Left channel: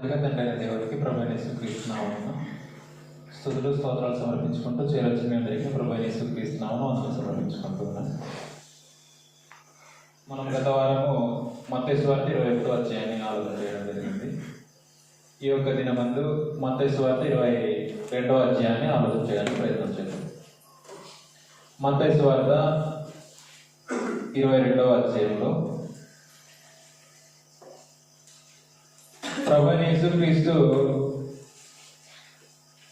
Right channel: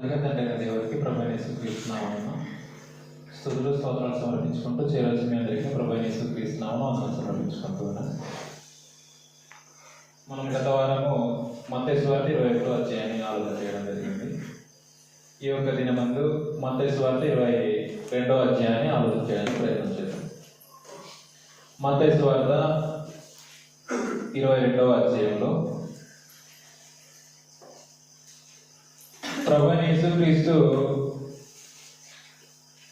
తండ్రి దేవుడికి ప్రభువైన యేసుక్రీస్తు నామమున స్తుతులు స్తోత్రాలు సమర్పించుకుంటూ చేరొచ్చిన మీ అందరికీ ప్రభువైన యేసుక్రీస్తు నామమున వందనాలు సమర్పించుకుంటూ ఉన్నాను. మనం గత వారము మత్తయి సువార్త 21వ అధ్యాయాన్ని ఆలోచన చేయడం జరిగింది. ఈ యొక్క దినమందు మత్తయి సువార్త 22వ అధ్యాయాన్ని ఆలోచన చేయడానికి ప్రయత్నం చేద్దాం. మత్తయి సువార్త 22వ అధ్యాయంలో ప్రభువైన యేసుక్రీస్తు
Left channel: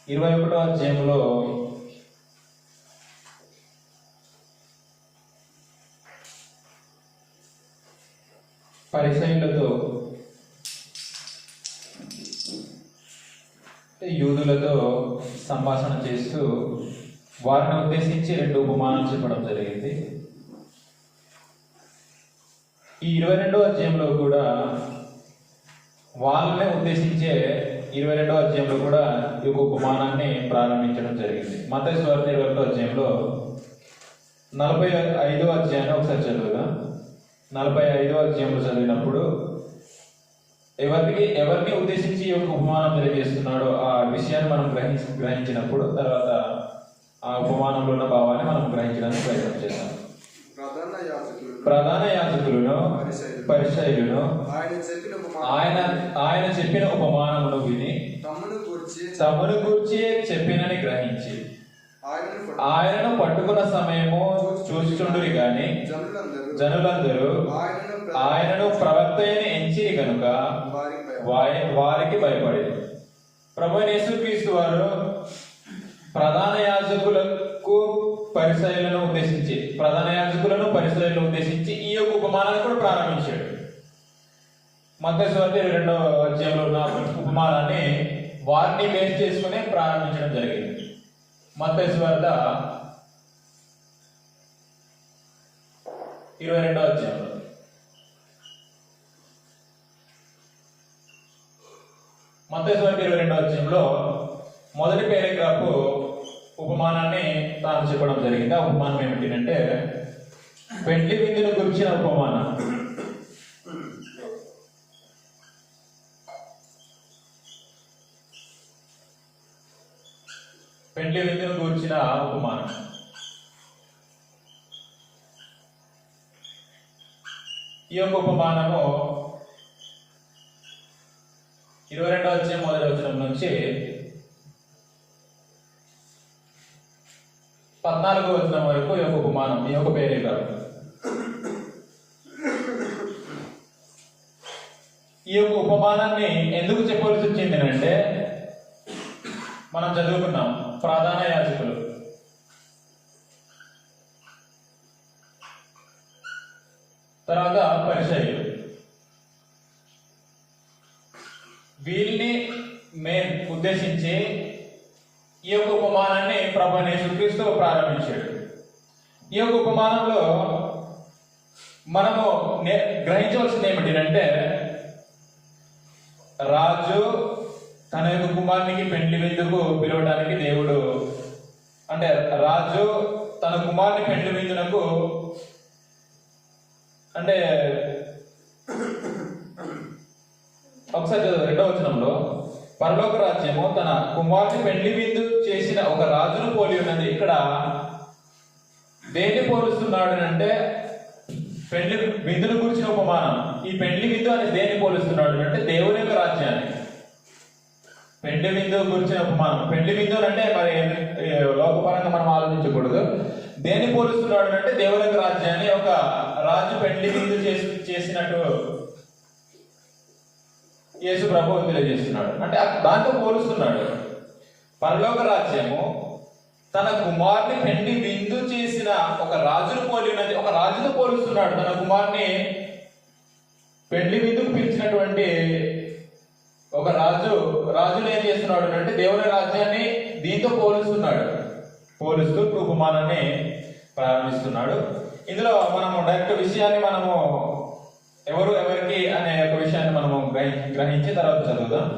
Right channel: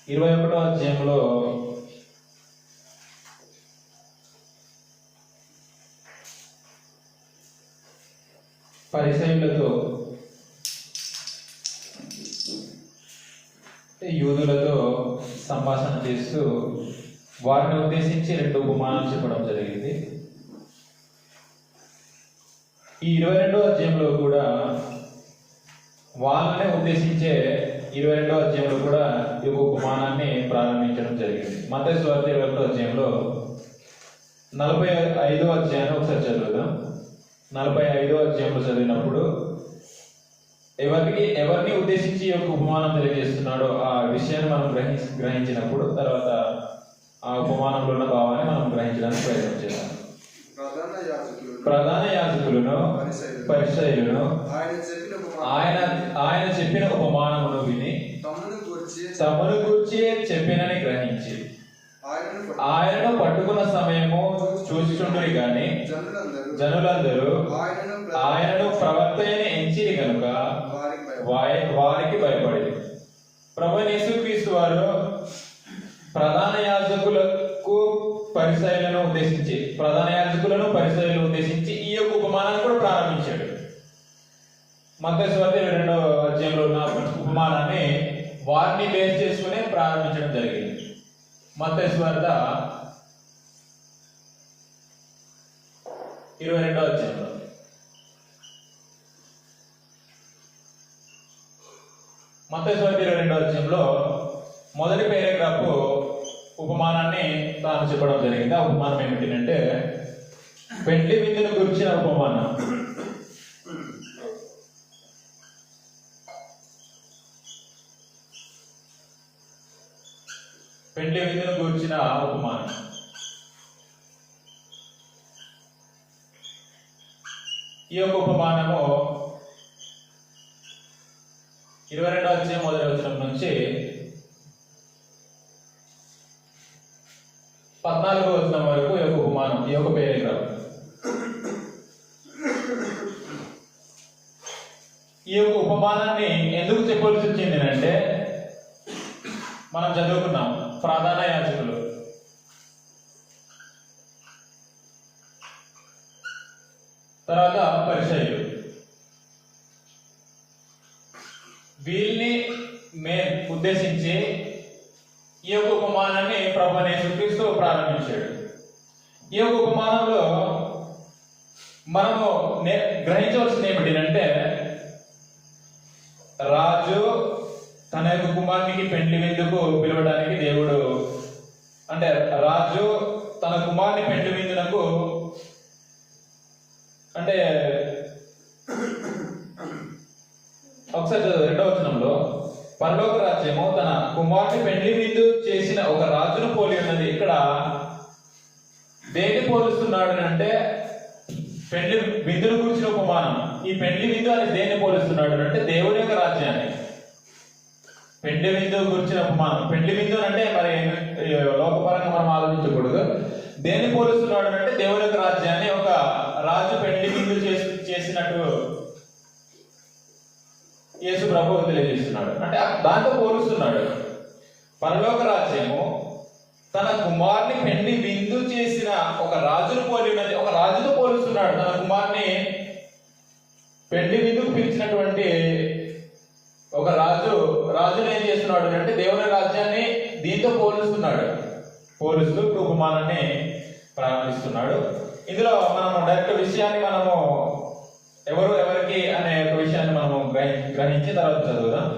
21వ అధ్యాయంలో పరిసయ్యులతో యూదులతో సంభాషణ చేస్తూ వారిని ఉద్దేశించి 2 ఉపమానాలు చెప్పడం జరిగింది. ఈ 22వ అధ్యాయంలో కూడా వాళ్ళనే ఉద్దేశించే 22వ అధ్యాయంలో కూడా ఈ ఉపమానాన్ని ప్రారంభించడం జరిగింది. మత్తయి సువార్త 21వ అధ్యాయంలో 45వ అధ్యాయాన్ని ఒకసారి చదువుదాం. 45వ అధ్యాయంలో చదివినప్పుడు ఎవరిని ఉద్దేశించి ఈ యొక్క ఉపమానం తెలియజేస్తున్నాడో ఆ విషయాన్ని మనం గ్రహించినప్పుడు తర్వాత ఆ ఉపమానంలో ఉన్న భావాన్ని మనం గ్రహించడానికి ప్రయత్నం చేస్తాం. ప్రధాన యాజకులను పరిసయ్యులను ఆయన చెప్పిన ఉపమానమును విని తమను గూర్చి చెప్పినని గ్రహించి ఆయనను పట్టుకున్న సమయము చూస్తుండరు గాని జనులందరూ ఆయనను ప్రవక్తయని ఎంచిరి కనుక వారికి భయపడేది. ప్రభువైన యేసుక్రీస్తు వారు ప్రధాన యాజకులను పరిసయ్యులను ఉద్దేశించి ఈ యొక్క ఉపమానాన్ని కూడా ప్రారంభించాడు. మత్తయి సువార్త 22వ అధ్యాయంలో ఉన్న ఉపమానాన్ని వారిని బేస్ చేసుకుని ప్రారంభించడం జరిగింది. మత్తయి సువార్త 22వ అధ్యాయంలో మత్తయి సువార్త 22వ అధ్యాయంలో మొదటి పేరాగ్రాఫ్ ఉపమానాన్ని తాను చెప్పడం జరిగింది. ఆ ఉపమానం ఏమిటంటే పెండ్లి విందును గురించిన ఉపమానం. పెండ్లి విందును గురించిన ఉపమానం. ఈ యొక్క ఉపమానము 22వ అధ్యాయం మొదటి వచనం నుంచి 14వ వచనం వరకు ఈ యొక్క ఉపమానం, ఈ యొక్క పేరాగ్రాఫ్. ఈ యొక్క ఉపమానాన్ని ఎందుకు చెప్పవలసి వచ్చింది అంటే మనం చదువుకున్నాం ప్రధాన యాజకులు, తర్వాత పరిసయ్యులు, వీళ్ళని ఉద్దేశించి ఈ యొక్క ఉపమానాన్ని ప్రభువైన యేసుక్రీస్తు ప్రారంభించాడు. ఈ యొక్క ఉపమానంలో మనము గ్రహించవలసింది ఏమిటంటే రాజు తన యొక్క కుమారునికి పెండ్లి విందుకు పిలవడానికి దేవుడు, అంటే రాజు తన కుమారుని పెండ్లి విందునకు, అంటే ఒకసారి 2వ వచనంలో పరలోక రాజ్యము తన కుమారుని పెండ్లి విందు చేసిన ఒక రాజును పోలి ఉన్నది. ఇక్కడ దేన్ని పోలుస్తున్నాడు అంటే పెండ్లి విందును గురించిన ఉపమానం. ఈ పెండ్లి విందు అని దేన్ని పోలుస్తున్నాడు అంటే దేవుని యొక్క రాజ్యాన్ని. పెండ్లి విందు గురించిన ఉపమానం. పెండ్లి విందు అంటే మరి లోకపరంగా మనం ఆలోచించకూడదు. దేన్ని పోలుస్తున్నాడు అంటే దేవుని యొక్క రాజ్యాన్ని. ఒక రాజు పెండ్లి విందు చేసినట్టు యేసు ప్రభువు తెలియజేస్తున్నాడు. అంటే దాంతో పోలుస్తున్నాడు. పరలోక రాజ్యము తన కుమారుని పెండ్లి విందు చేసిన ఒక రాజును పోలి ఉన్నది. ఒక రాజుతో పోలుస్తున్నాడు. తన కుమారుని పెండ్లి విందుకు పిలిచినటువంటి ఒక రాజును ఏం చేస్తున్నాడు అంటే దేవుని రాజ్యాన్ని దీంతో పోలుస్తూ ఉపమానాన్ని ప్రారంభిస్తున్నాడు. ఇందులో మనము డైరెక్ట్ విషయాన్ని మనము ఎవరికి అనే ఒక విషయాన్ని మనము గ్రహించి తర్వాత చదువుదాం.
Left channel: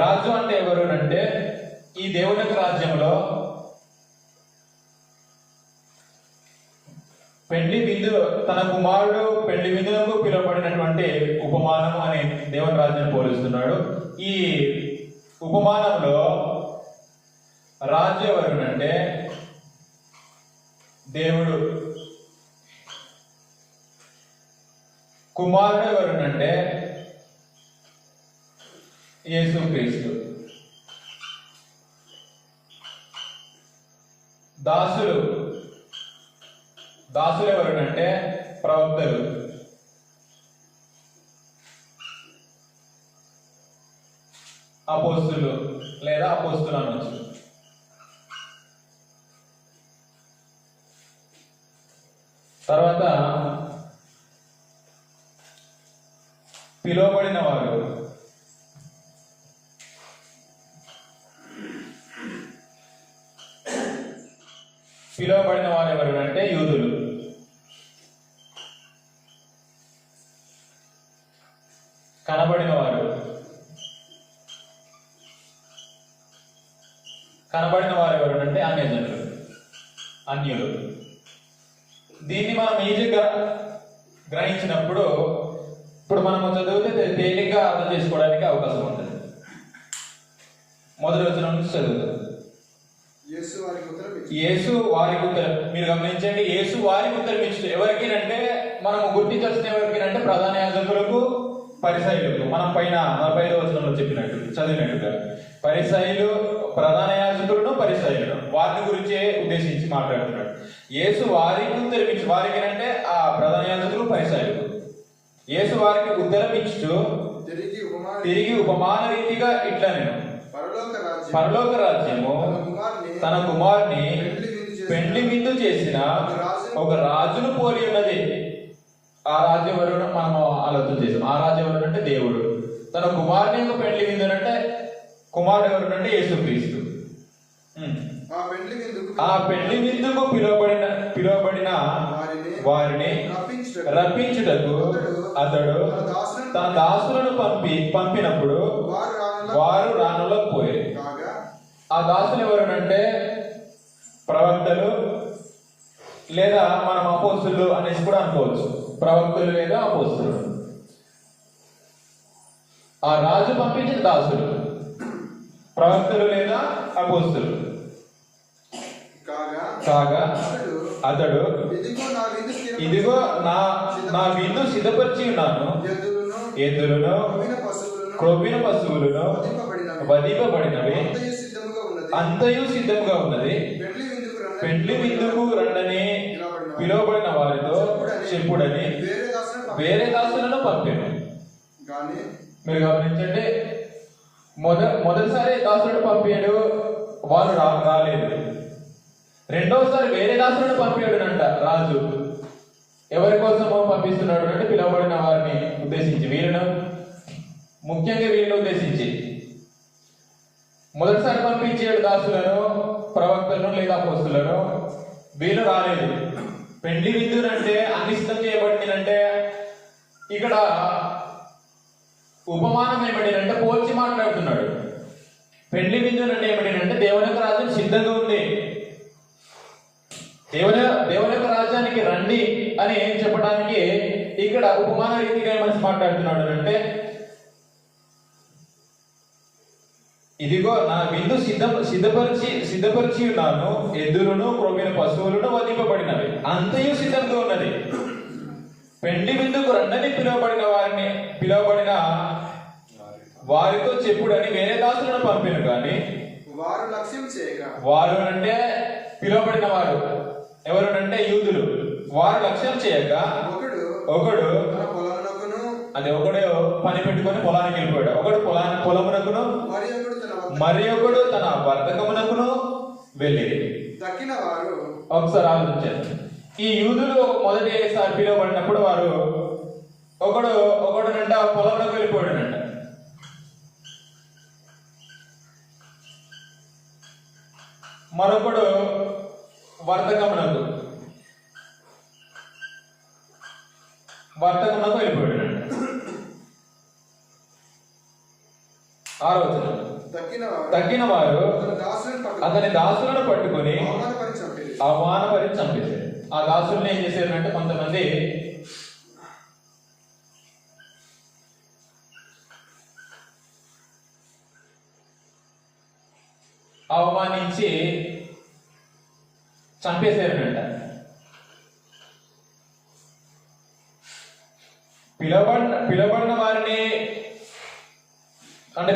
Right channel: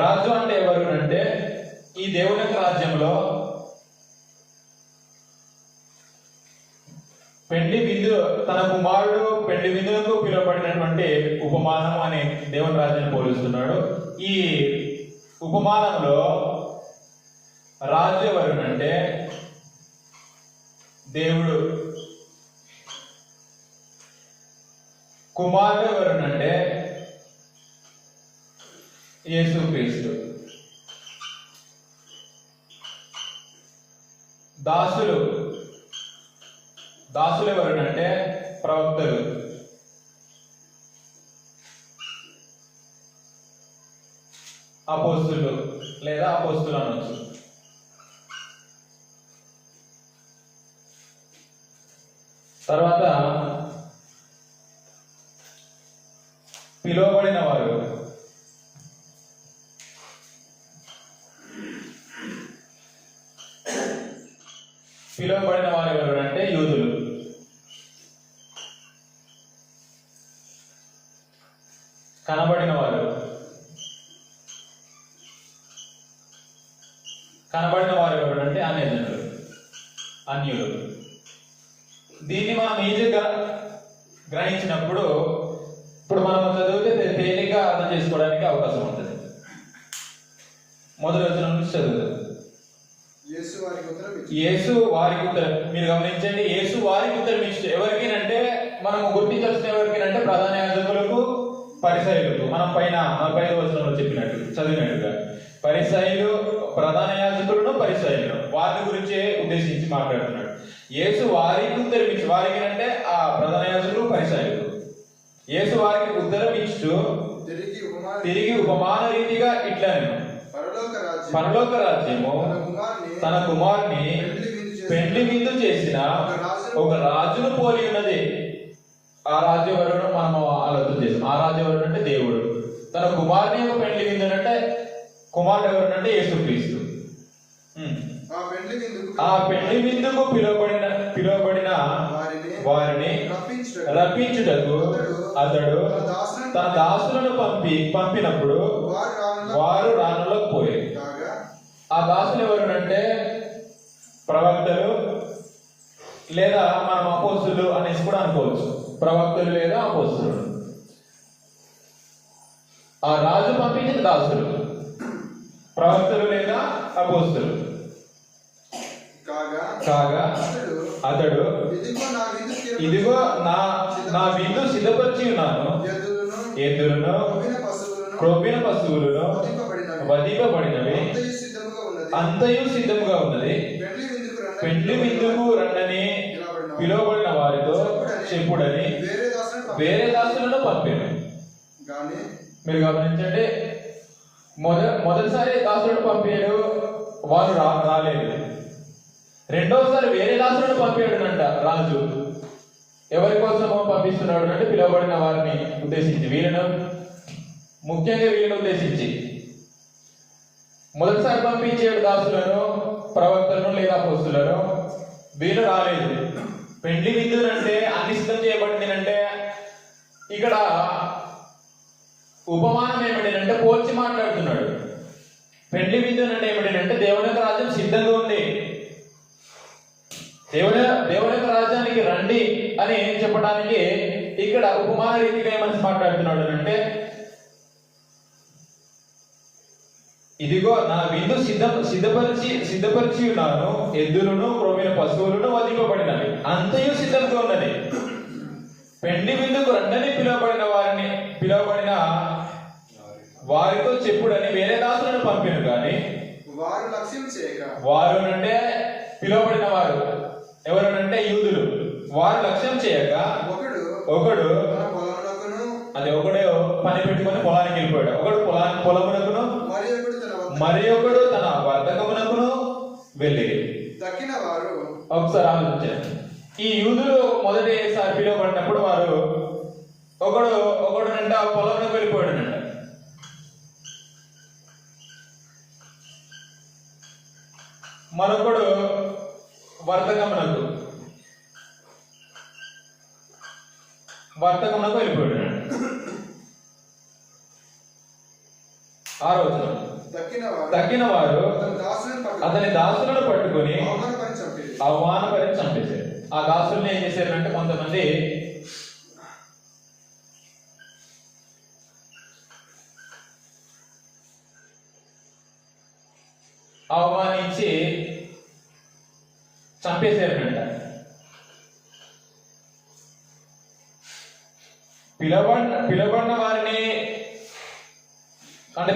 రాజు అంటే ఎవరు అంటే ఈ దేవుని రాజ్యంలో పెండ్లి విందు తన కుమారుడు పెండ్లి విందులకు పిలువబడినటువంటి ఉపమానం అని దేవుని రాజ్యాన్ని పోలుస్తున్నాడు. ఈ ఉపమానంలో రాజు ఎవరునంటే దేవుడు, కుమారుడు ఎవరునంటే యేసుక్రీస్తు, దాసులు ఎవరునంటే ప్రవక్తలు, అపోస్తులు లేదా అపోస్తులు అనొచ్చు. తర్వాత పిలువబడిన వారు ఎవరంటే యూదులు. కనబడిన వారు ఎవరంటే అన్యులు. దీన్ని మనం ఈజీగా గ్రహించినప్పుడు ఇప్పుడు మనం చదివితే తేలిగ్గా అర్థం చేసుకోవడానికి అవకాశం ఉంటుంది. మొదటి వచనం నుంచి చదువుతాం. యేసు వారికి ఉత్తరం, మీరు గమనించండి, యేసు వారికి ఉత్తరం ఇచ్చు. ఎవరికేనంటే మనం గుర్తించాల్సిన ఎవరికేనంటే ప్రధాన యాజకులకు, పరిసయ్యులకు. మనం పైన 45వ వచనంలో చదివినట్టుగా పరిసయ్యులు, ప్రధాన యాజకులను, పరిసయ్యులను వారిని గురించే ఉద్దేశించి మాట్లాడుతున్నాడు. యేసు వారికి ఉత్తరం ఇచ్చు. వారికి అంటే ఆ ప్రధాన యాజకులు, పరిసయ్యులు. యేసు వారికి ఉత్తరం ఇచ్చు తిరిగి ఉపమాన రీతిగా ఇట్లా నేను పరలోక రాజ్యము తన కుమారుని పెండ్లి విందు చేసిన ఒక రాజును పోలి ఉన్నది. ఆ రాజ్యం ఎవరు మనం ఆలోచన చేసాం. ఆ రాజ్యం ఎవరు అంటే దేవుడు. తన కుమారుని ఒక పెండ్లి విందు అంటే కుమారుడు ఎవరు అంటే యేసుక్రీస్తు. ఆ పెండ్లి విందుకు పిలువబడిన వారిని రప్పించుటకు అతడు తన దాసులను పంపినప్పుడు వారు రానులకు పోయారు. ఆ దాసులు ఎవరునంటే ప్రవక్తలు లేదా మనం అపోస్తులు అనేసి కూడా అనుకోవచ్చు. ప్రవక్తలు లేదా అపోస్తులు. ఆ రాజు పంపించిన దాసులు ప్రవక్తలు లేదా అపోస్తులు కాగా అతడు ఇదిగో నా విందు సిద్ధపరిచి ఉన్నాను, ఎద్దులను క్రొవ్విన పశువులను వధింపబడినవి అంతయు సిద్ధముగా ఉన్నది. పెండ్లి విందుకు రండని పిలువబడిన వారితో చెప్పుడని వేరే దాసులను పంపాను. మీరు గమనించండి, మొదటిసారి దాసులను పంపాడు, వారు రాలేదు. రెండోసారి వేరే దాసులను పంపాడునంట రాజు. ఎవరి కోసమో పంపిస్తున్నాడు అంటే పిలువబడిన వారిని ఉద్దేశించి, ముఖ్యంగా వీళ్ళని ఉద్దేశించి. మొదటిసారి పంపించాడు దాసులను, ప్రవక్తలను లేదా అపోస్తులను. వీళ్ళు రాలేదు. పెండ్లి విందునంటే అన్ని సిద్ధం చేయబడిందంటే ఇక్కడ ఉపమానం ఏమిటంటే పోల్చి మాట్లాడుతున్నాడు. పెండ్లి విందునంటే ఏమిటంటే దేవుని యొక్క రాజ్యం సిద్ధంగా ఉంది, దేవుని యొక్క రాజ్యానికి రండి అని చెప్పడానికి ఇక్కడ ఉపమాన రీతిగా ఏమని మాట్లాడుతున్నాడు అంటే, ఇదిగో నా విందు సిద్ధపరిచి ఉన్నాను, ఎద్దులను క్రొవ్విన పశువులను వధింపబడినవి అంతయు సిద్ధంగా ఉన్నది. పెండ్లి విందుకు రండని పిలువబడిన వారితో చెప్పుడని వేరే దాసులను పంపాను. కానీ వారు లక్ష్యం చేయక, వారు అంటే పిలువబడిన వారు ఎవరంటే యూదులు, వారు లక్ష్యం చేయక ఒకడు అది ఒకడే పని పెట్టుకొని పొలానికి వెళ్ళిపోయాడు. ఒకడు పొలమునకును మరి ఒకడు తన వర్తకమునకును వెళ్ళి తక్కిన వారు. ఒకసారి ఆలోచించారు. ఈ యూదులు మొదటిసారి పిలువబడినప్పుడు వారు ఒకడునంట పొలంలోకి వెళ్ళిపోయాడునంట. మరొకడు వర్తకమునకు వెళ్ళిపోయాడు. ఆలోచన తక్కిన వారు అతని దాసులను పట్టుకొని అవమానపరిచి చంపేశారు. ఆ దాసులను ఏం చేశారంటే కొంతమంది అవమానించి చంపేశారంట. పిలవబడిన వారిని అంటే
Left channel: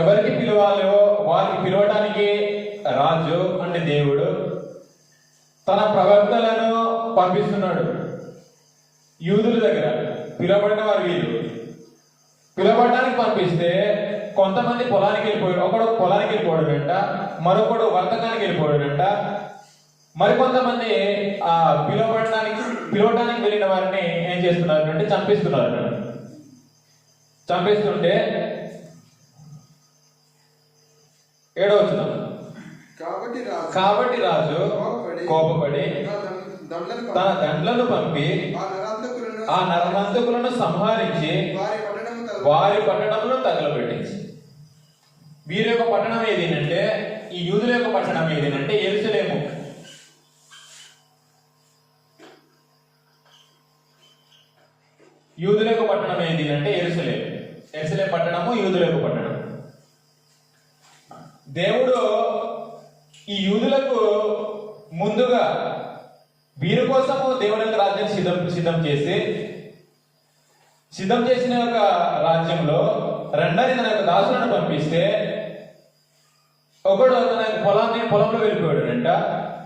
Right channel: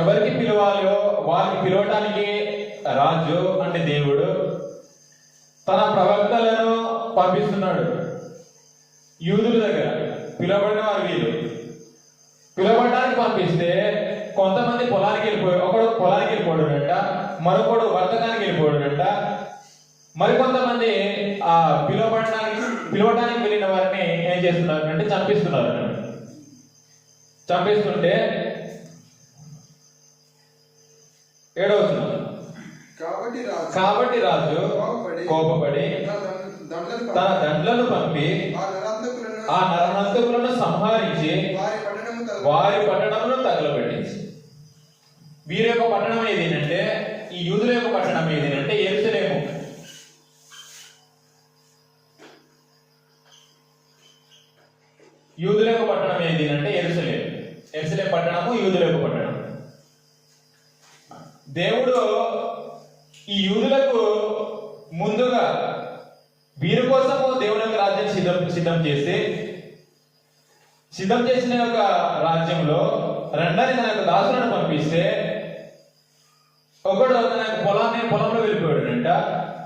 ఎవరికి పిలవాలో వారిని పిలవడానికి రాజు అంటే దేవుడు తన ప్రవక్తలను పంపిస్తున్నాడు యూదుల దగ్గర. పిలవబడిన వారు వీళ్ళు పిలవడానికి పంపిస్తే కొంతమంది పొలానికి వెళ్ళిపోయాడు, ఒకడు పొలానికి వెళ్ళిపోవడం వెంట, మరొకడు వర్తకానికి వెళ్ళిపోవడం వెంట, మరికొంతమంది ఆ పిలవడానికి వెళ్ళిన వారిని ఏం చేస్తున్నారు అంటే చంపిస్తున్నారు. చంపిస్తుంటే 7వ కాబట్టి రాజు కోపపడి తన దండ్లను పంపి ఆ నరహంతకులను సంహరించి వారి పట్టణంలో తగలబెట్టించి. వీరి యొక్క పట్టణం ఏదేనంటే, ఈ యూదుల యొక్క పట్టణం ఏదేనంటే యెరూషలేము. యూదుల యొక్క పట్టణం ఏదేనంటే యెరూషలేము. యెరూషలేము పట్టణము యూదుల యొక్క పట్టణం. దేవుడు ఈ యూదులకు ముందుగా వీరి కోసము దేవుని యొక్క రాజ్యం సిద్ధం చేసిన యొక్క రాజ్యంలో రెండని తన యొక్క దాసులను పంపిస్తే ఒకడు తన పొలంలో వెళ్ళిపోయాడంట,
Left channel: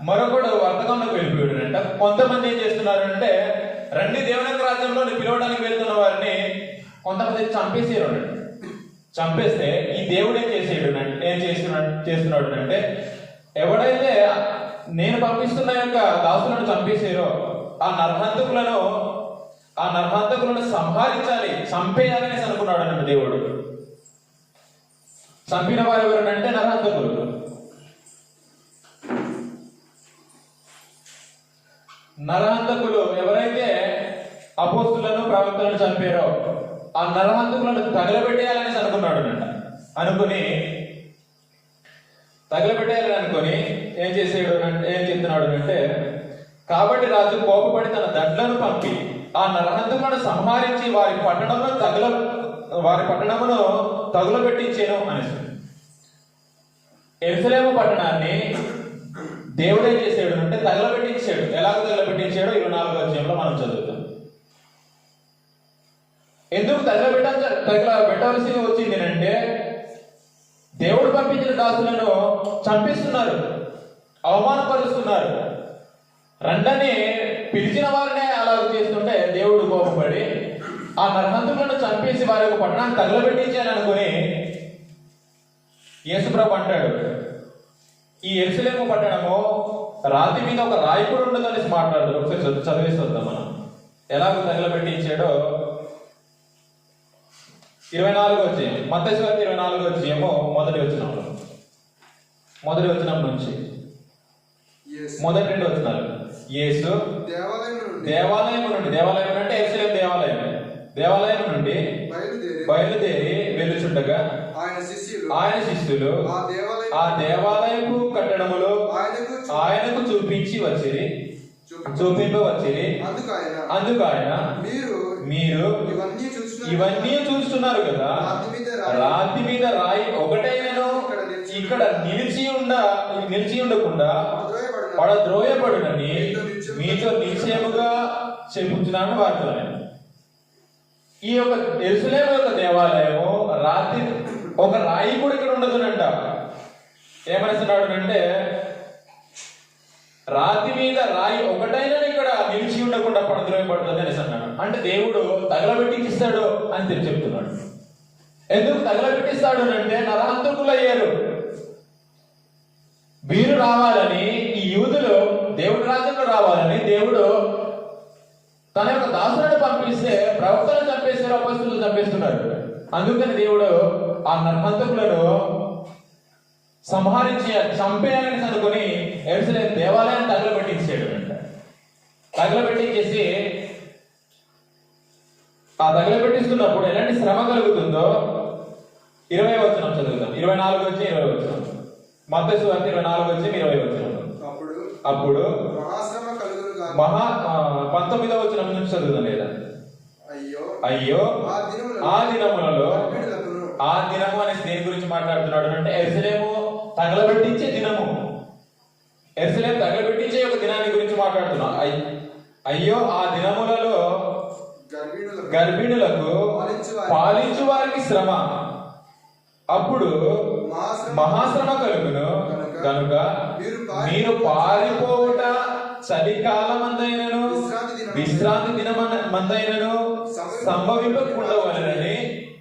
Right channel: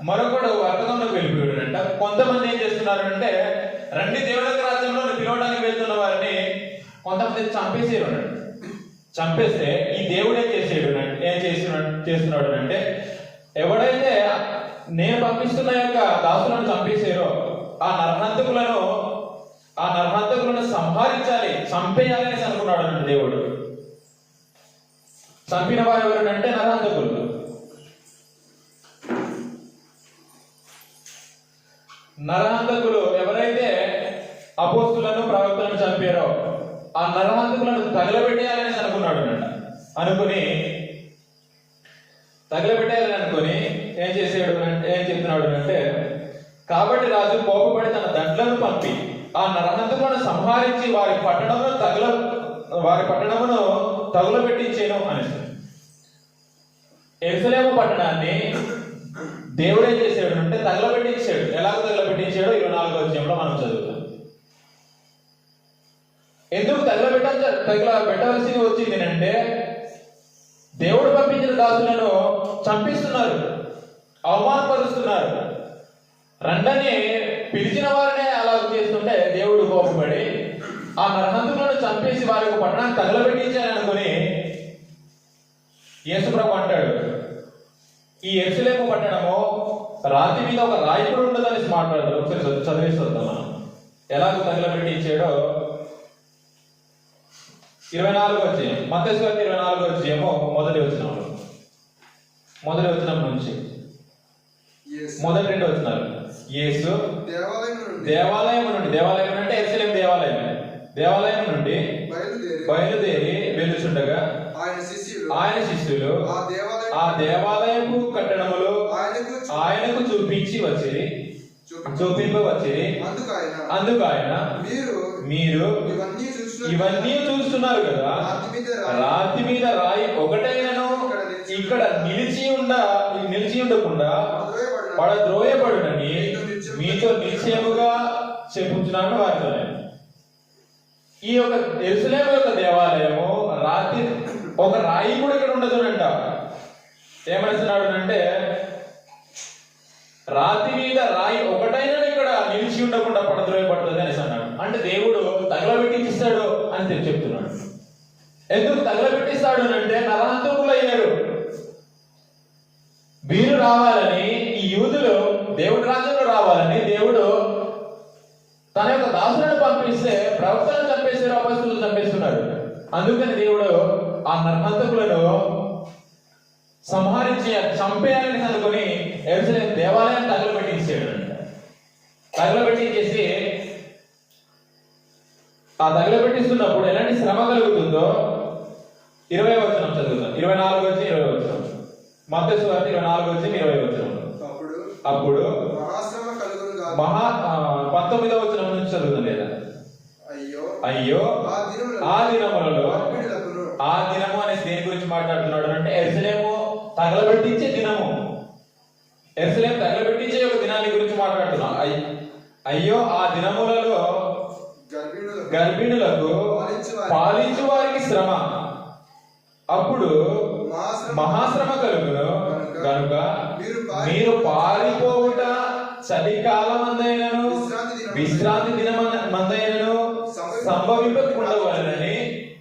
మరొకడు వర్తకంలోకి వెళ్ళిపోయాడంట. కొంతమంది ఏం చేస్తున్నారంటే రెండు దేవుని యొక్క రాజ్యంలో పిలవడానికి వెళ్తున్న వారిని కొంతమంది చంపేసేవాడు. చంపేస్తే ఈ దేవుడు ఏం చేస్తున్నాడు అంటే ఎవడైతే నేను పంపిస్తున్న యొక్క దాసులను చంపేసారో ఆ నరహంతకులను సంహరించాలి, చంపేయాలని అనుకున్నాడు అన్న దేవుడు. చంపిన వారు ఎవరంటే నరహంతకులు. నరహంతకులు ఎవరైతే అపోస్తులను ప్రవక్తలను చంపారో ఆ నరహంతకులను తగలబెట్టేయాలని అనుకున్నాడు అనుకుని ఏం చెప్తున్నాడు అంటే కాబట్టి రాజు కోపపడి తన దండ్లను పంపి ఆ నరహంతకులను సంహరించి వారి పట్టణమును తగులబెట్టించేను అని. యెరూషలేము పట్టణాన్ని దేవుడు ఏం చేశాడు అంటే తగలబెట్టించాడు. ఎలాగ తగలబెట్టించాడో 24వ అధ్యాయంలో మనం చదువుతాం. ఎందుకు తగలబెట్టవలసి వచ్చింది అంటే దేవుడు పంపించిన దాసులను చంపిస్తున్నారు, అవమానపరుస్తున్నారు. రండని పిలిచిన వారినే అలా చేస్తుంటే దేవుడు కోపపడి ఆ నరహంతకులను చంపేసి వారి యొక్క పట్టణాన్ని తగలబెట్టించాను అనుకుని యేసుప్రభు అంటాడు ఈ యెరూషలేము పట్టణము రాతి మీద ఒక రాయి కూడా ఉండదనేసి మాట్లాడతాడు. ఒకసారి చదివేస్తుందాం మనం ఎలాగో తగలబెట్టించాడో. 24వ అధ్యాయం మత్తయి సువార్త 24వ అధ్యాయము మొదటి వచనం నుంచి మొదటి 2 వచనాలు. యేసు దేవాలయం అంటే యెరూషలేము దేవాలయం నుండి బయలుదేరి వెలుచుండగా ఆయన శిష్యులు ఆ దేవాలయపు కట్టడములు ఆయనకు చూపింపవచ్చిరి. అందుకు ఆయన మీరు ఇవన్నీ చూస్తున్నారు కదా, రాతి మీద రాయి ఒకటైనను ఇక్కడ నిలిచి ఉండకుండా పడద్రోయబడునని మీతో నిశ్చయముగా చెప్పుచున్నాను వారితో. ఈ యొక్క యెరూషలేము యొక్క దేవాలయము రాతి ఒక రాయి కూడా ఇక్కడ ఉండదునంట. ఏమనుకున్నాడు అంటే రాతి మీద రాయి ఒకటైనా ఇక్కడ నిలిచి ఉండకుండా పడద్రోయబడుతుంది అనేసి అన్నాడు. అంటే దేవుడు తగలబెట్టిస్తాడు అని చెప్తున్నాడు. ఎందుకు తగలబెట్టిస్తాడు అంటే నరహంతకులు అయ్యారు. వీరు రావాలని, ఈ యూదులు దేవుడి రాజ్యంలో రావాలని దేవుడు తన యొక్క దాసులను పంపిస్తే ప్రవక్తలను చంపేశారు, అపొస్తలులను చంపేస్తున్నారు. అందుకని దేవుడు ఆ నరహంతకులను చంపేయాలని అనుకుని యెరూషలేము దేవాలయాన్ని తగలబెట్టించాడు. తగలబెట్టించేసి ఆ తగలబెట్టిస్తున్నప్పుడు ఎలాంటి శ్రమ కలుగుతుందో 20వ వచనం చదువుతాం. 24వ వచ్చి 20వ వచనం మత్తయి సువార్త 24వ వచ్చి 20వ వచనం. అప్పుడు మహాశ్రమ 19వ వచనం నుంచి చదువుదాం లేదా? అయ్యో ఆ దినములలో, ఆ దినము అనే దేని గురించి మాట్లాడుతున్నాడు అంటే యెరూషలేము తగలబెట్టించే దినము, యెరూషలేము తగలబెట్టించే ఒక దినాన్ని గురించి మాట్లాడుతున్నాం. అయ్యో ఆ దినములలో గర్భిణులకు పాలించు వారికి శ్రమ, అప్పుడు మహాశ్రమ కలుగును కనుక మీరు పారిపోవుట చలికాలమందైనను విశ్రాంతి దినమందైనను సంభవింపకుండవలెనని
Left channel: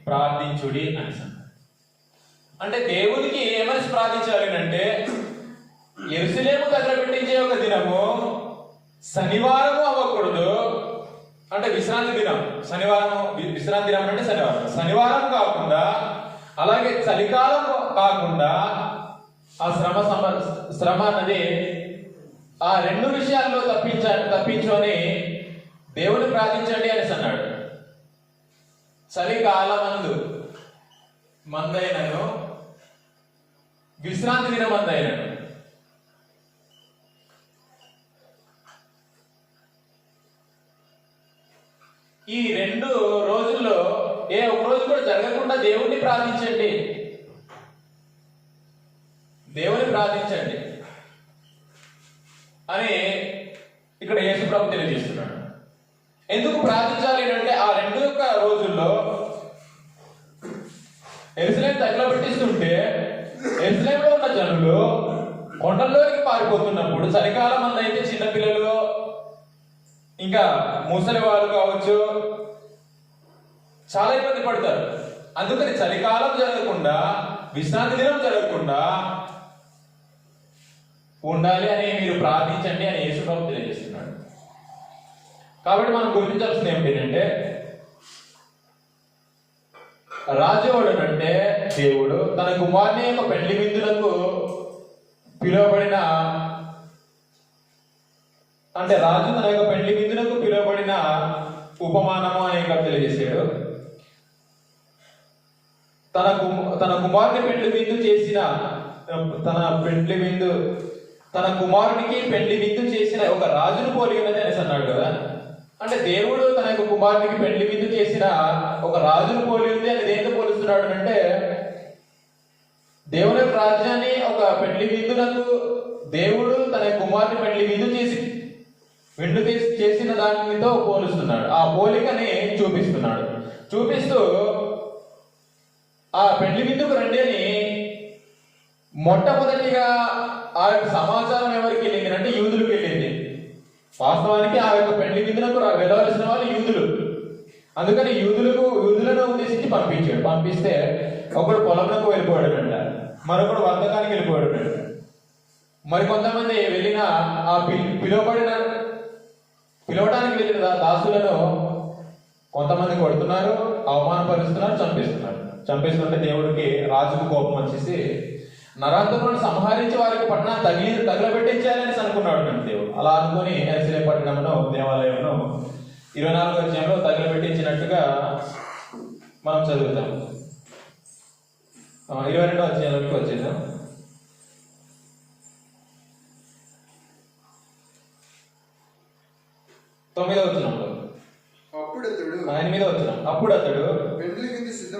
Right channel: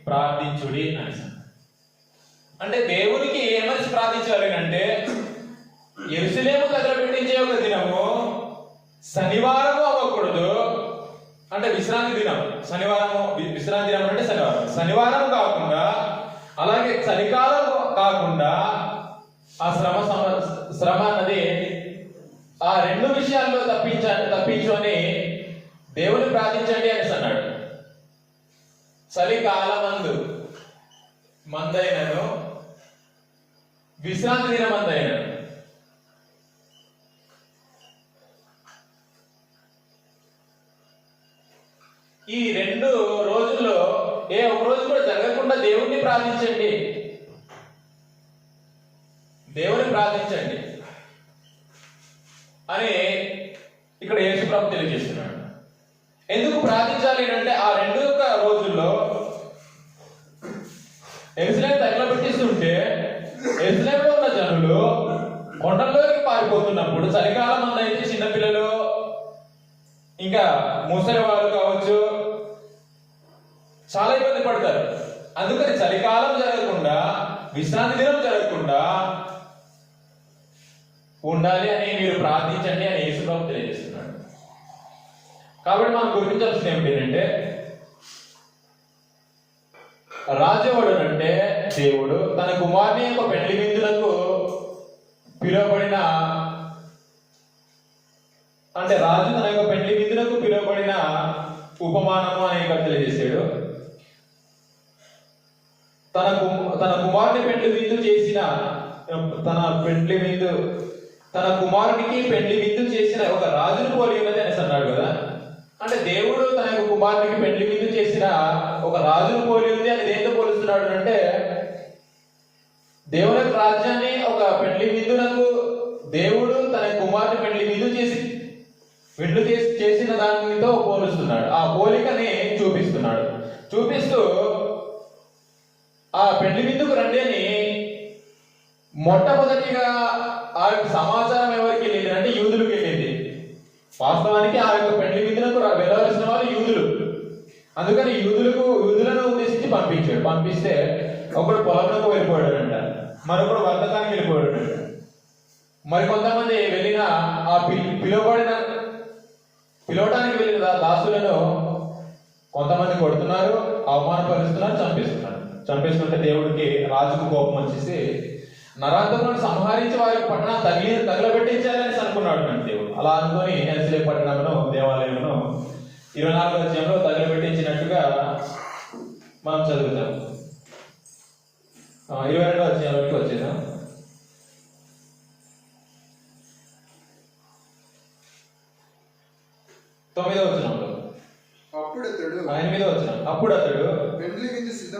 ప్రార్థించుడి అని. అంటే దేవునికి ఏమని ప్రార్థించాలి అంటే యెరూషలేము తగలబెట్టించే ఒక దినము శనివారము అవ్వకూడదు, అంటే విశ్రాంతి దినం. శనివారం విశ్రాంతి దినం అంటే శనివారం కాకుండా, అలాగే చలికాలం కాకుండా ఆ శ్రమ అన్నది ఆ రెండు విషయాల్లో తప్పించు అని దేవుని ప్రార్థించండి అనేసి అన్నాడు. చలికాలమందు మందైనను విశ్రాంతి దినం మందైనను. ఈ రెండు రోజుల్లో ఏ ఒక రోజు కూడా జరగకుండా దేవుణ్ణి ప్రార్థించండి, దేవుని ప్రార్థించండి అని ఇక్కడ యేసు ప్రభు తెలియజేస్తున్నాడు. ఎందుకు ప్రార్థించాలి అంటే ఆ రెండు రోజుల్లో యెరూషలేము తగలబెట్టిస్తుంటే యెరూషలేములో ఉన్న జనులు కొండల్లోకి పారిపోతున్నప్పుడు, చలికాలం అయితే చిన్నపిల్లలు ఇంకా ముసలి వారు కావచ్చు చాలా ఇబ్బంది పడతారు. అందుకని చలికాలం జరగకుండా, విశ్రాంతి దినం జరగకుండా ఉండాలి అని మీరు ప్రార్థించండి అని యేసు ప్రభు తెలియజేస్తున్నాడు. కాబట్టి మనం గుర్తించాల్సింది ఏమిటంటే రాజుడు అంటే దేవుడు తన కుమారుని యొక్క పెళ్లి విందులకు పిలువబడిన, అంటే రాజు తన యొక్క పెళ్లి విందులకు పిలువబడిన ఉపమానము అని ఇక్కడ తెలియజేశాడు. తన కుమారుని పెళ్లి విందు చేసిన తన కుమారునికి పెళ్లి విందు చేసిన ఒక రాజును పోలి ఉన్నది అనేసి అన్నాడు కదా. అంటే దేవుడు తన యొక్క కుమారునికి పెళ్లి విందు చేసిన ఒక రాజును పోలి ఉంది అని దేంతో పోలుస్తున్నాడు అంటే దేవుని యొక్క రాజ్యాన్ని ఒక పెళ్లి విందులకు దేవుడు తన కుమారుని పెళ్లి విందు చేసిన దానితో పోలుస్తున్నాడు. ఆ పోలికని చూపిస్తూ ఆ పెళ్లి విందుకు రండి అని మొట్టమొదటిగా ఆ యొక్క సమాచారం ఎవరికి వెళ్ళింది అంటే యూదులకు వెళ్ళింది. వాస్తవానికి ఆ యొక్క పెళ్లి విందులకు వెళ్ళవలసిన వాళ్ళు యూదులు. అందుకని యూదులను ఉద్దేశించి పంపిస్తే ఒకడు పొలంలోకి వెళ్ళిపోయాడు అంట, మరొకడు వర్తకానికి వెళ్ళిపోయాడు అంట. మరికొంతమంది వెళ్ళిన ఆ పిలవడానికి వెళ్ళిన దాసులను కొంతమంది కొడుతున్నారు, అవమానపరుస్తున్నారు, చంపేస్తుంటే దేవుడికి రాజుకు కోపం వచ్చేసి నరాంతకులను సంహరించి వారికి పట్టణాన్ని తగలబెట్టించాలని అనుకున్నాడు దేవుడు. అలా అనుకుని యెరూషలేము పట్టణంలో దేవాలయంలో 24వ అధ్యాయంలో తగలబెట్టించినట్టుగా మనం చదువుతాం. 22వ అధ్యాయంలోకి వచ్చేద్దాం. 9వ వచనంలో 8వ వచనం అప్పుడు అతడు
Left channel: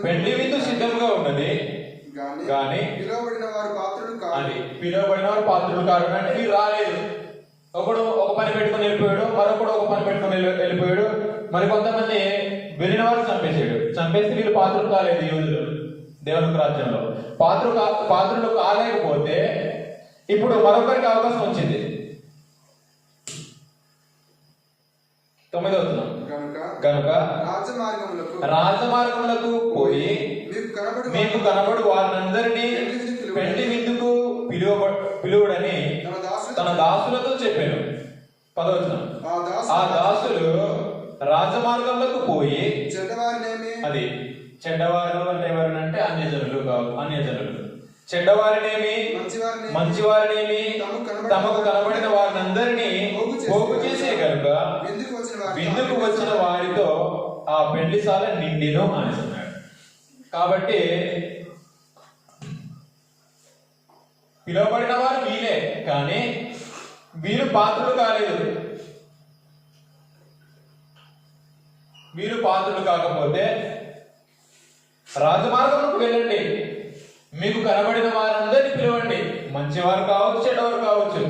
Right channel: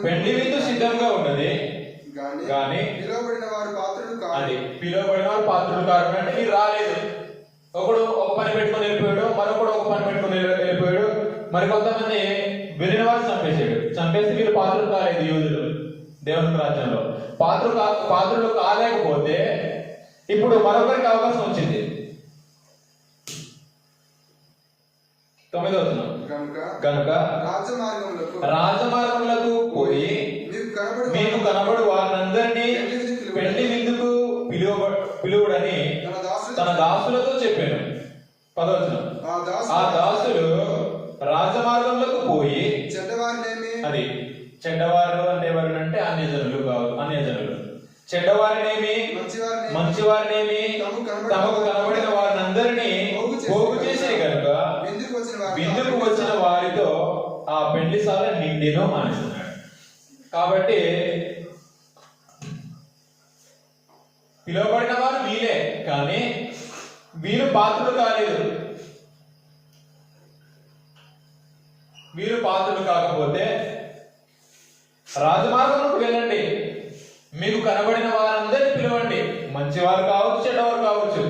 పెండ్లి విందు సిద్ధంగా ఉన్నది గాని పిలువబడిన వారు పాత్రులు కారు అంటే వీరు రాలేదు. ఒకడు ఒక పని పెట్టుకుని వెళ్ళిపోయాడు, మరొకడు ఒక పని పెట్టుకుని వెళ్ళిపోయాడు, మరికొంతమంది వెళ్ళిన వారు చంపేసి వీళ్ళు పాత్రలు కాలేదు. యూదులు దేవుని రాజ్యంలో పాత్రలు కాలేకపోతే ఇప్పుడు మరొకరికి అవకాశం వచ్చింది. 9వ వచనం కనుక రాజమార్గములకు పోయి మీకు కనబడు వారినందరినీ పెళ్లి విందుకు పిలువుడని తన దాసులతో చెప్పాను. 10వ వచనం ఆ దాసులు రాజమార్గంలోకి పోయి అది చెడ్డవారు అంటే ఎవరంటే అన్యజనులు చెడ్డవారినేమి మంచివారినేమి తమకు కనబడిన వారినందరినీ పోగు చేసే కనుక విందుకు వచ్చిన వారితో ఆ పెళ్లిశాల నిండిను అంటున్నాడు. కాబట్టి పిలువబడిన వారు వీలే, కానీ వీరు పాత్రలు కాలేదు. మీరు పాత్రులు కాకపోతే రాజమార్గంలోకి వెళ్ళండి, మీకు కనబడిన వారందరినీ పిలవండి, మంచివారు కావచ్చు చెడ్డవారు కావచ్చు.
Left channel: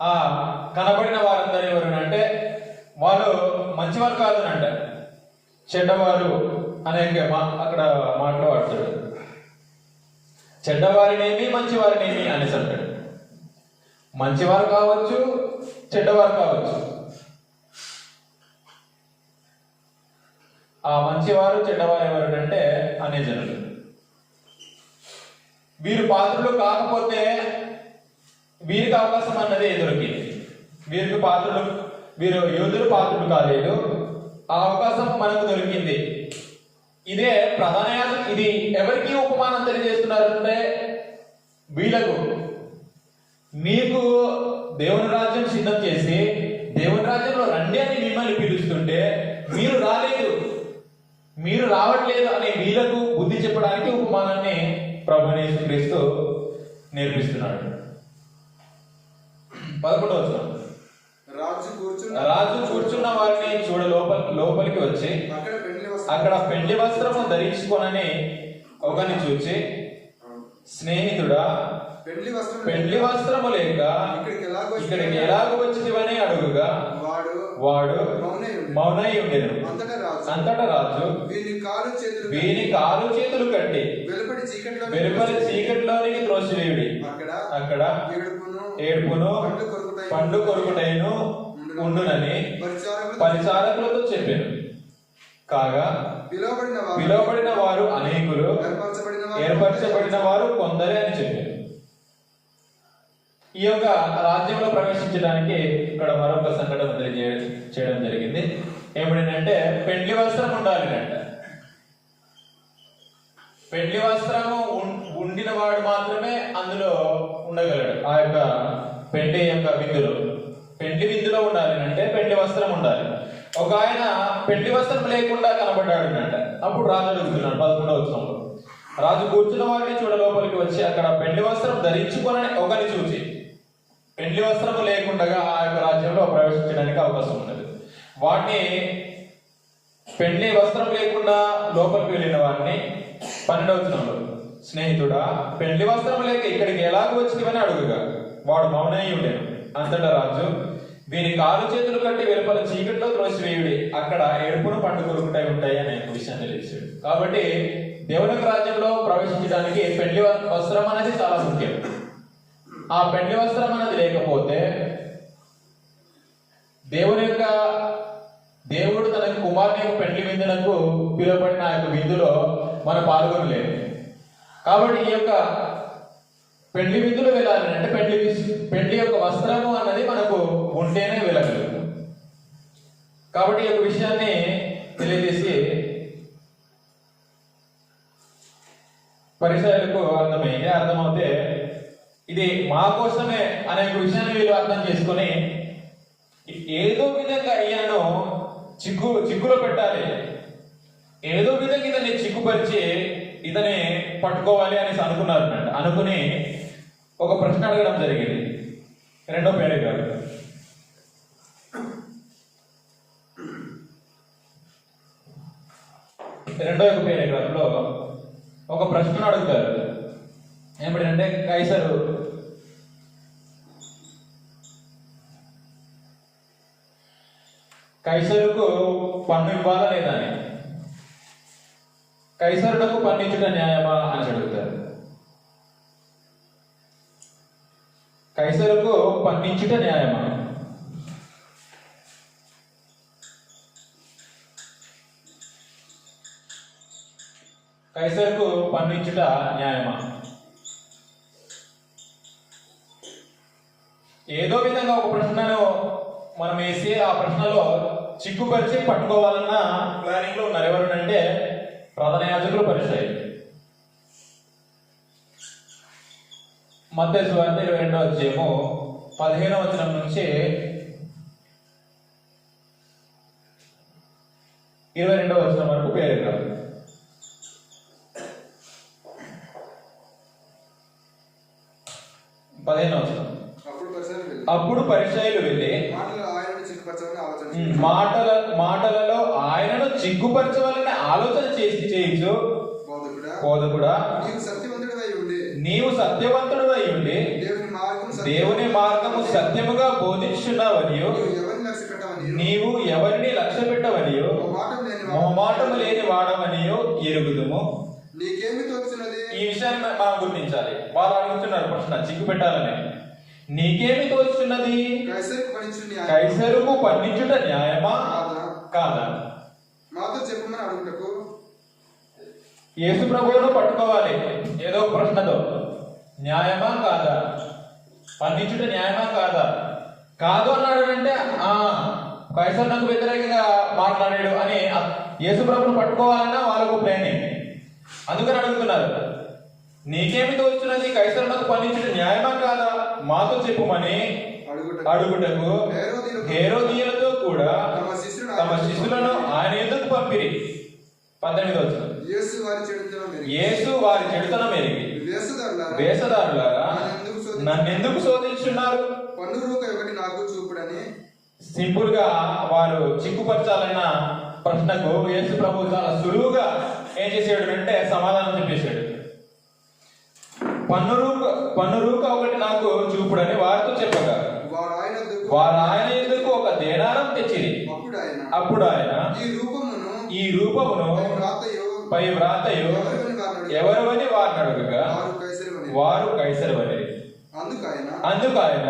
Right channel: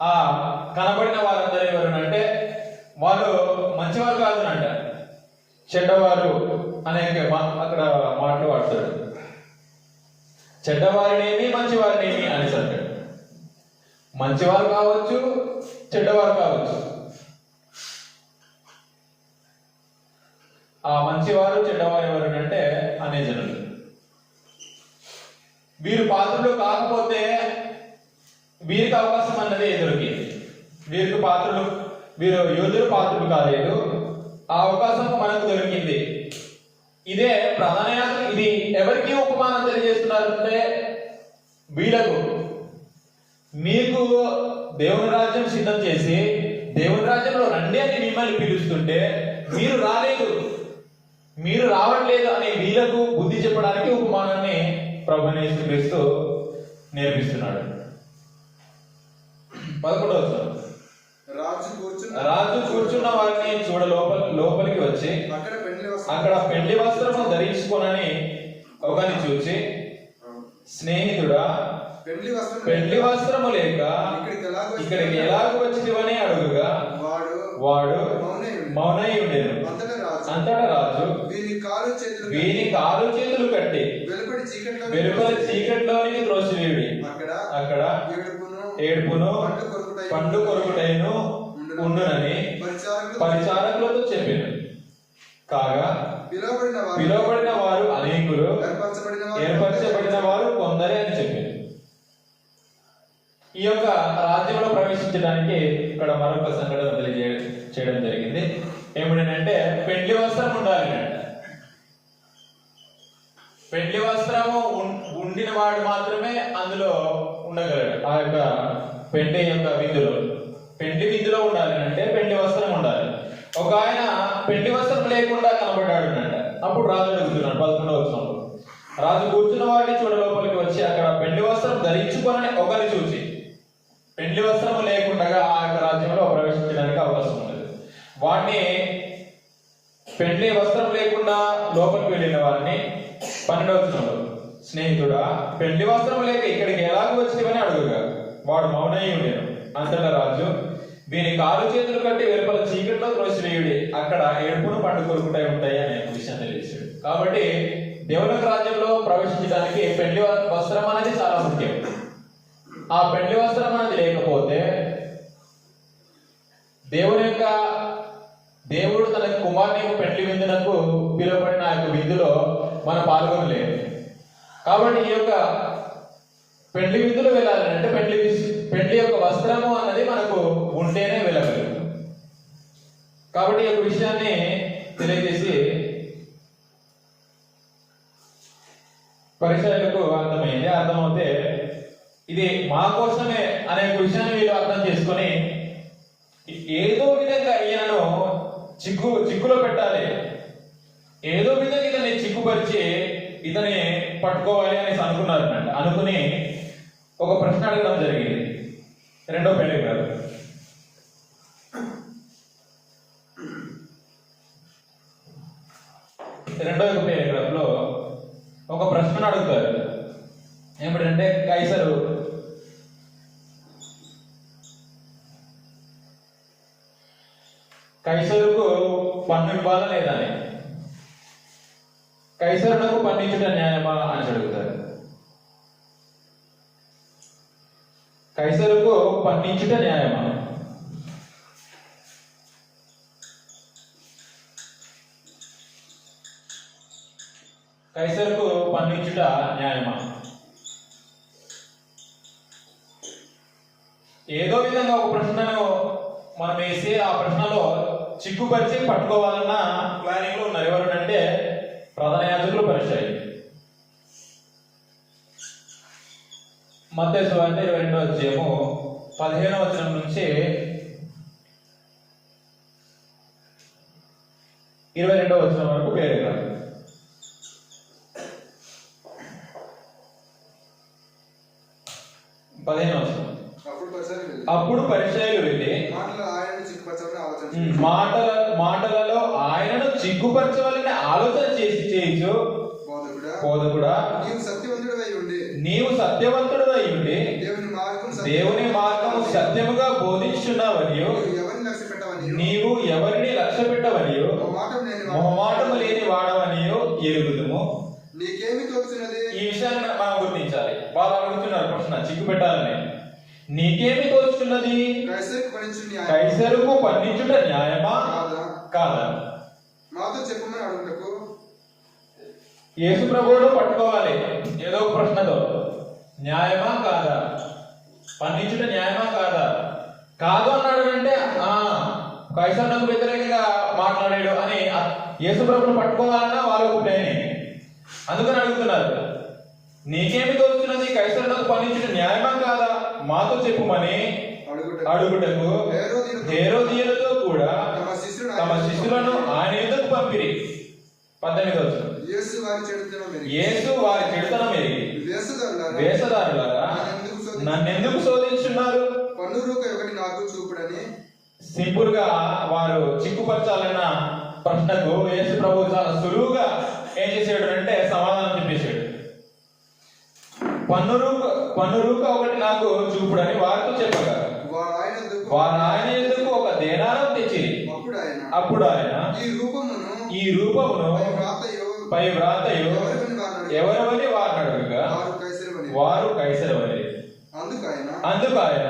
ఆ కనబడిన వారందరినీ ఎవరు అంటే వాళ్ళు మంచివారు కాదు అంట, చెడ్డవారు అనే అక్కడ మాటలు వాడతాడు. చెడ్డవారినేమి మంచివారినేమి అనేసి అంటాడు. మంచివారు కావచ్చు చెడ్డవారు కావచ్చు. ఆ మంచివారు చెడ్డవారు ఎవరంటే అనే జనులు. వీరు పాత్రలు కాకపోతే వీరికి అవకాశం అన్నది ఎదురుకి. వీరు యోధులు పాత్రలు కాలేదు, ఆ అవకాశం మనకు దొరికింది. ఇదే ప్రధాన యాజకులు. ఇది ఎవరికి ఉపమానం తెలియజేస్తున్నారంటే వీళ్ళకు. మీకు దేవుని రాజ్యం సిద్ధం చేసి దేవుని రాజ్యంలో రండి అని మిమ్మల్ని పిలుస్తుంటే మీరు రాలేదు, మీరు రావట్లేదు అనే వీళ్ళకు బుద్ధి చెప్పడానికి ఉపమానాన్ని ప్రభువైన యేసుక్రీస్తు నేర్పిస్తున్నాడు. 11వ వచనం. రాజు కూర్చున్న వారిని చూడ లోపలికి వచ్చి అక్కడ పెండ్లి వస్త్రము ధరించుకొనని ఒకరిని చూచి, స్నేహితుడా, పెండ్లి వస్త్రము లేక ఇక్కడికి ఎలాగ వచ్చివని అడుగుగా వాడు మౌనై ఉండెను. అంతటా రాజు వీని కాలు చేతులు కట్టి వెలుపలి చీకట్లోనికి త్రోసివేయుడి, అక్కడ ఏడుపును పండ్లు కొరుకుటైను ఉండునని పరిచారకులతో చెప్పాను. కాగా పిలువబడిన వారు అనేకులు, ఏర్పరచబడిన వారు కొందరే అని చెప్పారు. ఈ యొక్క రాజ్యంలో ప్రవేశించడానికి ఇక్కడ మరొక సంఘటన చేయడం జరిగింది. ఏమిటంటే పెండ్లి వస్త్రం ఉండాలి అంట. పెండ్లి వస్త్రము ఉండిన వాడు మాత్రమే అందులో ఉండగలడు. ఆ యొక్క పెండ్లి యొక్క పెండ్లి విందులో ఉండాలి అంటే పెండ్లి వస్త్రం ఉండాలి. ఒక ఆయన పెండ్లి వస్త్రం లేకుండా కనబడ్డాడు అంట. అప్పుడు రాజు అడుగుతున్నాడు 11వ వచనంలో. రాజు కూర్చున్న వారిని చూడ లోపలికి వచ్చి అక్కడ పెండ్లి వస్త్రం ధరించుకొని ఒకరిని చూసి, పెండ్లి వస్త్రం లేకుండా ఆ యొక్క రాజ్యంలో ప్రవేశించడానికి అవకాశం ఉండదు. వాటిని పెండ్లి వస్త్రం లేకుండా లోపలికి వెళ్ళిన వారిని 12వ వచనంలో, స్నేహితుడా, పెండ్లి వస్త్రం లేక ఇక్కడికి ఎలాగ వచ్చివని అడుగుగా వాడు మౌనై ఉండెను. అంతటా రాజు వీని కాలు చేతులు కట్టి వెలుపల చీకట్లో త్రోసివేయుడి, అక్కడ ఏడుపును పండు కొరుకుటై ఉంటాయి అనే విషయం తెలియజేశాడు. కాబట్టి దేవుని రాజ్యంలో ప్రవేశించడానికి పెండ్లి వస్త్రం అనేది చాలా ముఖ్యం. ఆ పెండ్లి వస్త్రం అనేది లేకపోతే దేవుడు తన కుమారుని పెండ్లి విందునకు పిలువబడిన ఆ యొక్క విందులో మనం పాల్గొనలేదు. కాబట్టి ఈ యొక్క పెండ్లి విందులో వెళ్ళాలి అంటే పెండ్లి యొక్క వస్త్రము అన్నది మనకు ఉంటేనే వెళ్ళగలదు. కాబట్టి ఈ యొక్క విషయాన్ని తెలియజేసి పరిసరాలకు అర్థమవుతే ఇది మా కోసమే అనే విషయాన్ని వీళ్ళు అర్థం చేసుకొని ఏదో విధంగా ఈయనను చిక్కులో పెట్టాలి, ఏదో విధంగా ఇతన్ని చిక్కుపరిచి ఇతని పట్టుకోవాలి అని అనుకున్నారు. అనుకుని ఒక ప్రశ్న అడగడం జరిగింది. 2వ పేరాగ్రాఫ్. 2వ పేరాగ్రాఫ్ లో ఒక ప్రశ్నను అడుగుతారు. ఏమిటంటే కైసరుకు పన్ను ఇవ్వాలా లేదా అని. కైసరులకు పన్నించుట న్యాయమా అని అడుగుతారు. కైసరుకు పన్నించుట న్యాయమా? కైసరుకు పన్నించుట న్యాయమా? ఏదో విధంగా ఒక ప్రశ్నను మనం వేసి ఆ ప్రశ్నలో చిక్కుపరిచి పట్టుకోవాలన్న ప్లానింగ్ లో ఉన్నారు. ఎవరంటే ప్రధాన యాజకులు, పరిసయ్యులు. మత్తయి సువార్త 22వ అధ్యాయము 15వ వచనం నుంచి 22వ వచనం వరకు పేరాగ్రాఫ్. 15వ వచనం. అప్పుడు పరిసయ్యులు వెళ్ళి మాటలలో చిక్కుపరచవాలని ఆలోచన చేయొచ్చు. బోధకుడా, నీవు సత్యవంతుడివై ఉండి నీవు సత్యవంతుడివై ఉండి దేవుని మార్గము సత్యముగా బోధించున్నావనియు నీవు ఎవరిని లక్ష్య పెట్టవనియు మొహమాటము లేని వాడవనియు ఎరుగుదుము. నీకేమి తోచున్నది? ఈ విషయాన్ని మనం గుర్తించాలి. వాళ్ళు అడుగుతున్నారు ప్రశ్న, చిక్కు పెట్టాలని. నీకేమి తోచుతున్నది? కైసరుకు పన్నించుట న్యాయమా కాదా? మాతో చెప్పమని అడుగుటకు యేసు ప్రభువును పట్టుకోవాలి ఏదో ఒక ప్రశ్నతో. న్యాయమా కాదా? పన్నించుట న్యాయమా కాదా? కాదు అన్నాడు అంటే కైసరుకు వ్యతిరేకంగా మాట్లాడాడు అని యేసు ప్రభువును పట్టుకోవాలన్నా వాళ్ళకు ప్లానింగ్. అందుకని అడుగుతున్నారు, నీకేమి తోచుతున్నది? కైసరుకు పన్నించుట న్యాయమా కాదా? మాతో చెప్పుమని అడుగుటకు హేరోదీయులతో కూడా తమ శిష్యులను ఆయన ఎదుకు పంపిరి. 18వ వచనం. యేసు వారి చెడుతనం ఎరిగి వేషధారులారా నన్నెందుకు శోధించున్నారు? పన్ను రూక ఒకటి నాకు చూపుడని సింపుల్ గా వారు చిక్కుపరచాలన్న ప్రశ్నకు యేసు ప్రభు చాలా సులువుగా ఏం చేశాడు అంటే సమాధానం చెప్పేశాడు. పన్ను రూక ఒకటి నాకు చూపుడని వారితో చెప్పగా వారు ఆయన ఎందుకు ఒక దేనారం తెచ్చిరి. అప్పుడు ఆయన ఈ రూపమును పై వ్రాతయు ఎవరివని వారిని అడుగగా వారు కైసరవని. అందుకు ఆయన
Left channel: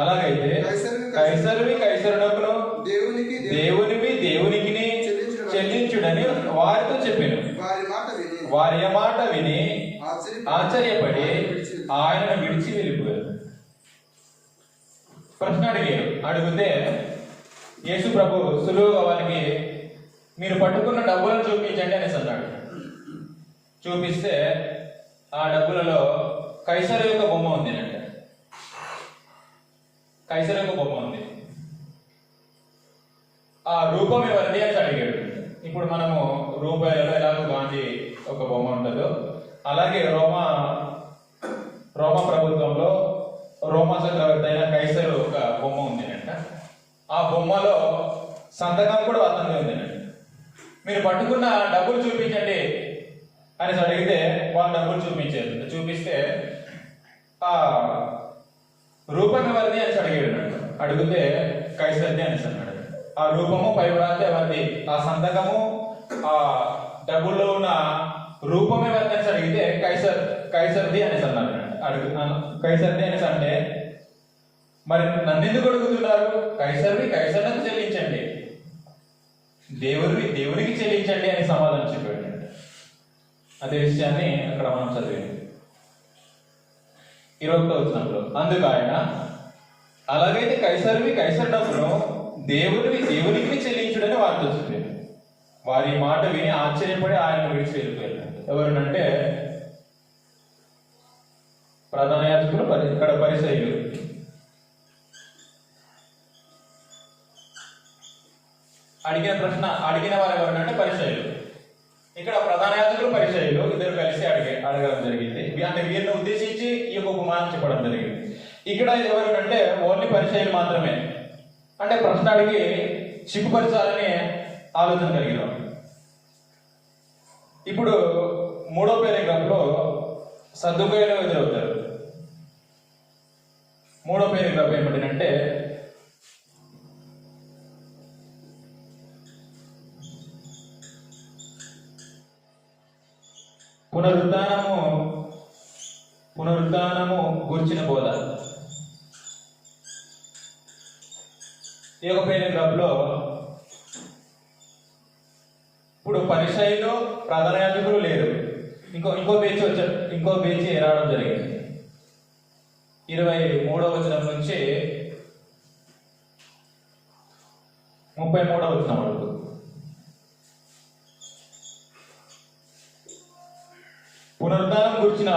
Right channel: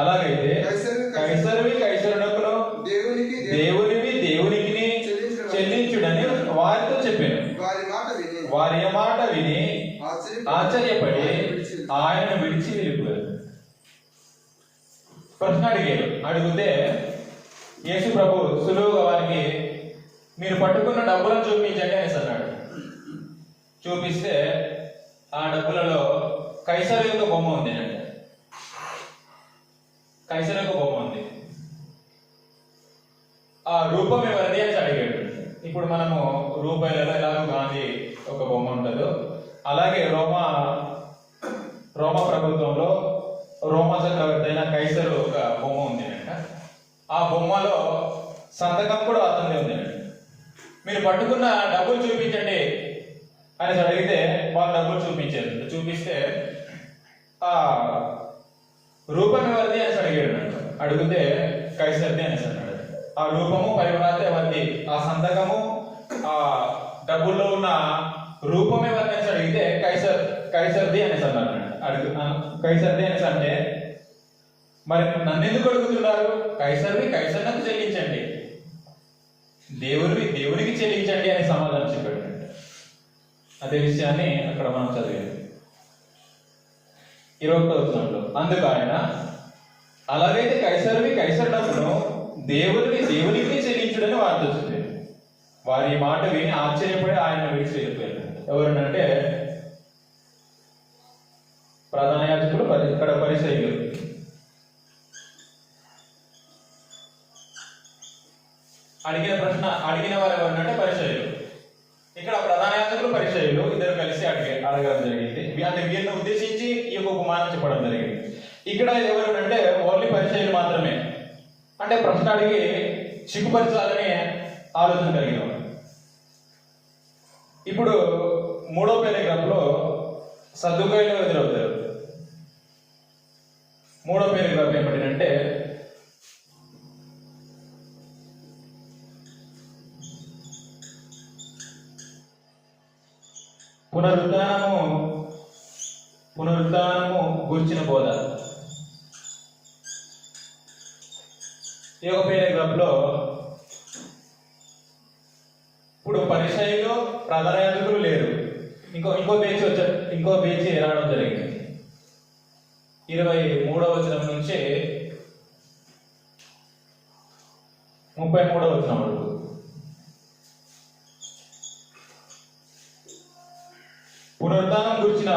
అలాగైతే కైసరునకును దేవునివి దేవునికి చెల్లించుడని వారితో చెప్పాను. వారి మాట విని ఆశ్చర్యపడి ఆయనను విడిచి వెళ్ళిపోయారు. ప్రశ్న అడిగితే యేసు ప్రభు సులువుగా వారికి మీరు పట్టుకున్న డబ్బులను చూపించండి అనేసి అన్నాడు. చూపిస్తే ఆ డబ్బులలో కైసరు యొక్క బొమ్మ ఉంది అంటే కైసరు యొక్క బొమ్మ ఉంది. ఆ రూపం ఎవరిది అని అడిగాడు. ఇప్పుడు మనము రూపాయలలో ఎలాగో గాంధీ ఒక బొమ్మ ఉంటుందో అలాగే రోమా ప్రభుత్వంలో రోమా చక్రవర్తి అయిన కైసరు ఒక బొమ్మ ఉంది అంట. ఆ బొమ్మలో సంతకం కూడా అతనిది ఉంది. మీరు పట్టుకున్న డబ్బులు చూపించండి అని అడిగితే వాళ్ళు డబ్బులు చూపించారు. చూపిస్తే ఆ రూపం ఎవరిది అని అడిగాడు. అడిగితే కైసర్ది అనేసి అన్నాడు. ఆ రూపము పై వ్రాత ఎవరిది, ఆ సంతకము ఆ డబ్బుల్లో ఉన్న రూపం ఎవరిది అని అడిగితే కైసర్ది అనేసి అన్నాడు. కైసర్ది అనేసి అంటే మరి నన్ను ఎందుకు అడుగుతున్నారు? కైసరునకు చెల్లించండి, దేవునికి చెల్లించండి అని సమాధానం చెప్పాడు. అదే విషయాన్ని అక్కడ మనం చదివాం 21వ వచనంలో. అందుకు ఆయన అలాగైతే కైసరునకును దేవునికి చెల్లించుడని వారితో చెప్పారు. వారి మాట విని ఆశ్చర్యపడి ఆయన విడిచి వెళ్ళిపోయారు. ఎవరినంటే ప్రధాన యాజకులు, ఇక్కడ పరిసయ్యులు. అడిగిన వారు ఎవరంటే పరిసయ్యులు. ఇక్కడ ప్రధాన యాజకులు పరిసయ్యులు ఇద్దరు కలిసి అడగడం జరిగింది. అంటే వీరిని ఉద్దేశించి ఈ యొక్క ఉపమానం చెప్పడం జరిగింది. ఇక్కడ ఎవరంటే ఓన్లీ పరిసయ్యులు మాత్రమే. అంటే ప్రశ్న అడిగి చిక్కుపరచాలని ఆలోచన కలిగినాం. ఇప్పుడు 3వ పేరాగ్రాఫ్లో సద్దుకాయలు ఎదురవుతారు. 3వ పేరాగ్రాఫ్ ఏమిటంటే పునరుద్ధానము గురించిన బోధ. ఈ యొక్క పేరాగ్రాఫ్లో ఇప్పుడు పరిసయ్యులు ప్రధాన యాజకులు లేరు. ఇంకో బేచి రావడం జరిగింది. 23వ వచనం నుంచి 33వ వచనం వరకు. పునరుద్ధానం గురించిన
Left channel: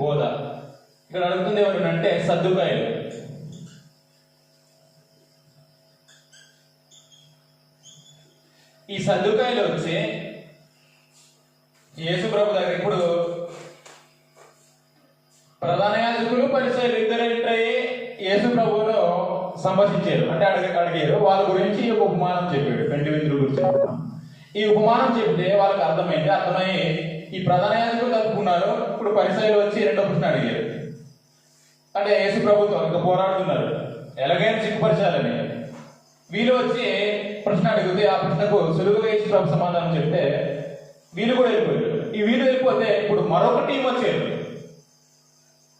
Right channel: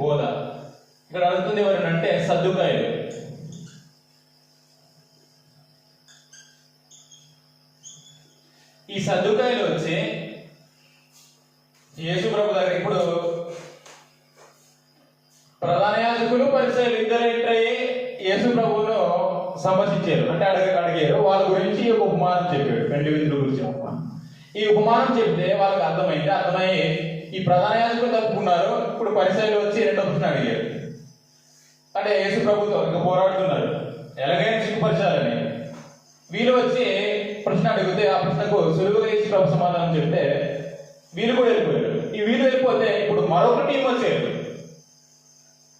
బోధ. ఇక్కడ అడుగుతుంది ఎవరంటే సద్దుకాయలు. ఈ సద్దుకాయలు వచ్చి యేసు ప్రభు దగ్గర ఇప్పుడు ప్రధాన యాజకులు పరిసయ్యులు ఇద్దరు ఎంటరయ్యి యేసు ప్రభువును సంభాషించారు. అంటే అడిగారు. వాళ్ళ గురించి ఉపమానం చెప్పాడు. 2 విందుల గురించి. ఈ ఉపమానం చెప్తే వాళ్ళకి అర్థమయ్యి ఈ ప్రధాన యాజకులు తప్పుకున్నారు. ఇప్పుడు పరిసయ్యులు వచ్చి రెండో ప్రశ్న అడిగారు. అంటే యేసు ప్రభుతో ఇంకా పోరాడుతున్నారు, ఎలాగైనా సిగ్గుపరచాలని. వీళ్ళు వచ్చి ప్రశ్న అడిగితే ఆ ప్రశ్నకు సులువుగా యేసు ప్రభు సమాధానం చెప్తే వీళ్ళు కూడా వెళ్ళిపోయారు. ఈ వీళ్ళు వెళ్ళిపోతే ఇప్పుడు మరొక టీం వచ్చారు.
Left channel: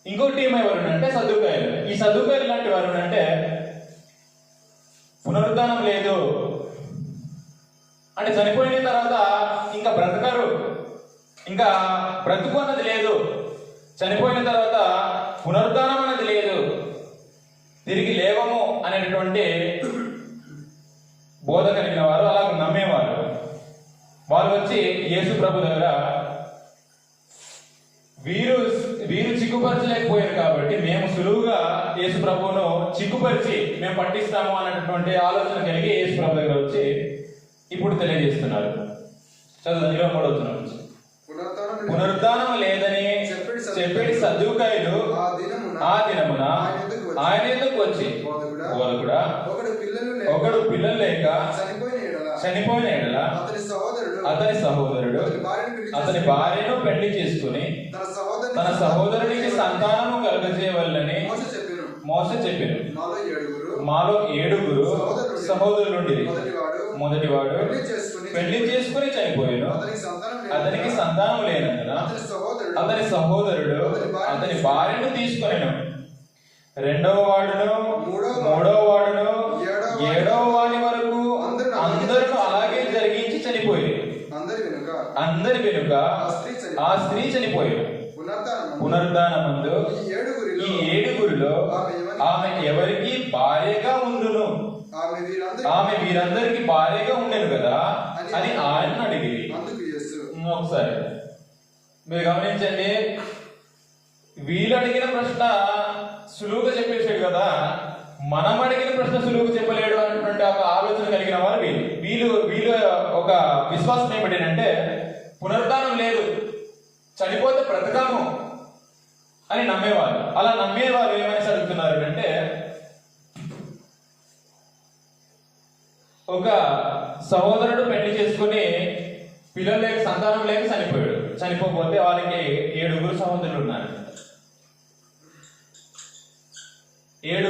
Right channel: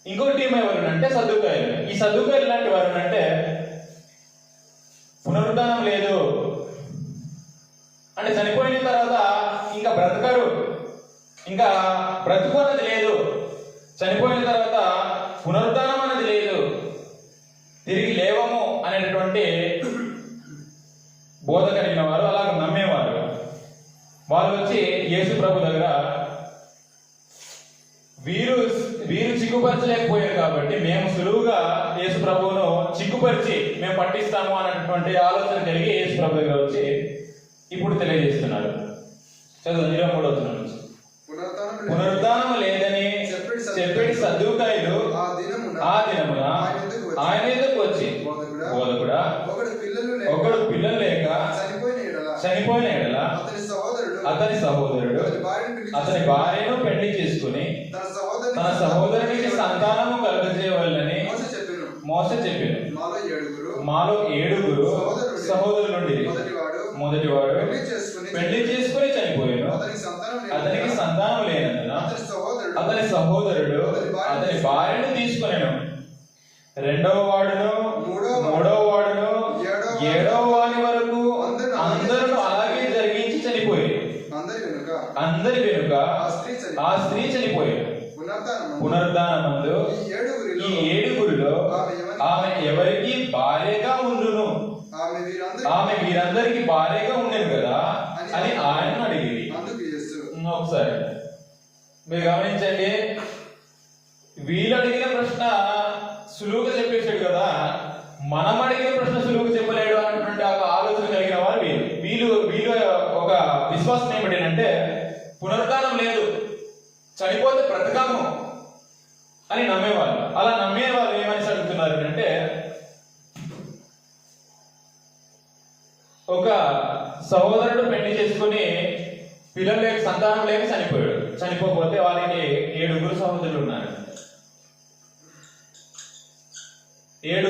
ఇంకొక టీం ఎవరంటే సద్దుకాయలు. ఈ సద్దుకాయలు లాంటి వారు అంటే పునరుద్ధానం లేదు అంటే చనిపోయిన తర్వాత ఇంకా బ్రతకరు, ఇంకా బ్రతుకు అన్నది లేదు, చనిపోయిన తర్వాత పునరుద్ధానం అనేది లేదు, తిరిగి లేవము అనేటటువంటి బోధ కలిగిన వారు, అలాగ నమ్మేవారు. వాళ్ళు వచ్చి యేసు ప్రభు దగ్గర వీరు చిక్కుపరచలేకపోయారు కాబట్టి మేము సులువుగా యేసు ప్రభువును చిక్కుపరిచి మేము పట్టిస్తాము అనేటువంటి ఆలోచన కలిగి యేసు ప్రభు దగ్గర వచ్చి ఇప్పుడు తెలియజేస్తున్నారు. చదువు 23వ వచనం నుంచి. పునరుద్ధానం లేదని చెప్పేటి సద్దుకాయులు ఆ దినమున ఆయన ఎందుకు వచ్చి బోధకుడా ఒకడు పిల్లలు లేక చనిపోయిన ఎడల అతని సహోదరుడు అతని భార్యను పెళ్లి చేసుకుని తన సహోదరునికి సంతానము కలుగజేయవలెనని మోసే చెప్పాను. మాలో ఏడుగురు సహోదరులు నుండి మొదటివాడు పెళ్లి చేసుకుని చనిపోయాను. అతనికి సంతానం లేనందున అతని సహోదరుడు అతని భార్యను తీసుకుని రెండవ వాడును మూడవ వాడును ఏడవ వాడి వరకు అందరూ అలాగే జరిగించి చనిపోయారు. అందరి వెనుక ఆ స్త్రీ చనిపోయారు. పునరుద్ధానం ముందు ఈ ఏడుగురిలో ఆమె ఎవరికి భార్యగా ఉండును, ఆమె వీరందరికి భార్యగా ఉండేది కదా అని ఆయన అడిగి. ఒకసారి మీరు గమనించండి, వీళ్ళు అడిగిన ప్రశ్న సులువుగా చెప్పేసాడు కదా, మనం అడిగిన ప్రశ్న సులువుగా చెప్పలేడు అన్నటువంటి ఒక ఆలోచన కలిగిన వారు వీళ్ళు ఒక విశ్వాసం ఏమిటంటే పునరుద్ధానం లేదు, చనిపోతే బ్రతకము అని నమ్మేవారు. అలా నమ్మేవారు ఏమని అడుగుతున్నారు అంటే, ఒక సహోదరుడు పెళ్లి చేసుకుని పిల్లలు లేక సంతానం లేక చనిపోయాడు. చనిపోతే వాళ్ళకి 7 సహోదరులు ఉన్నారు. 7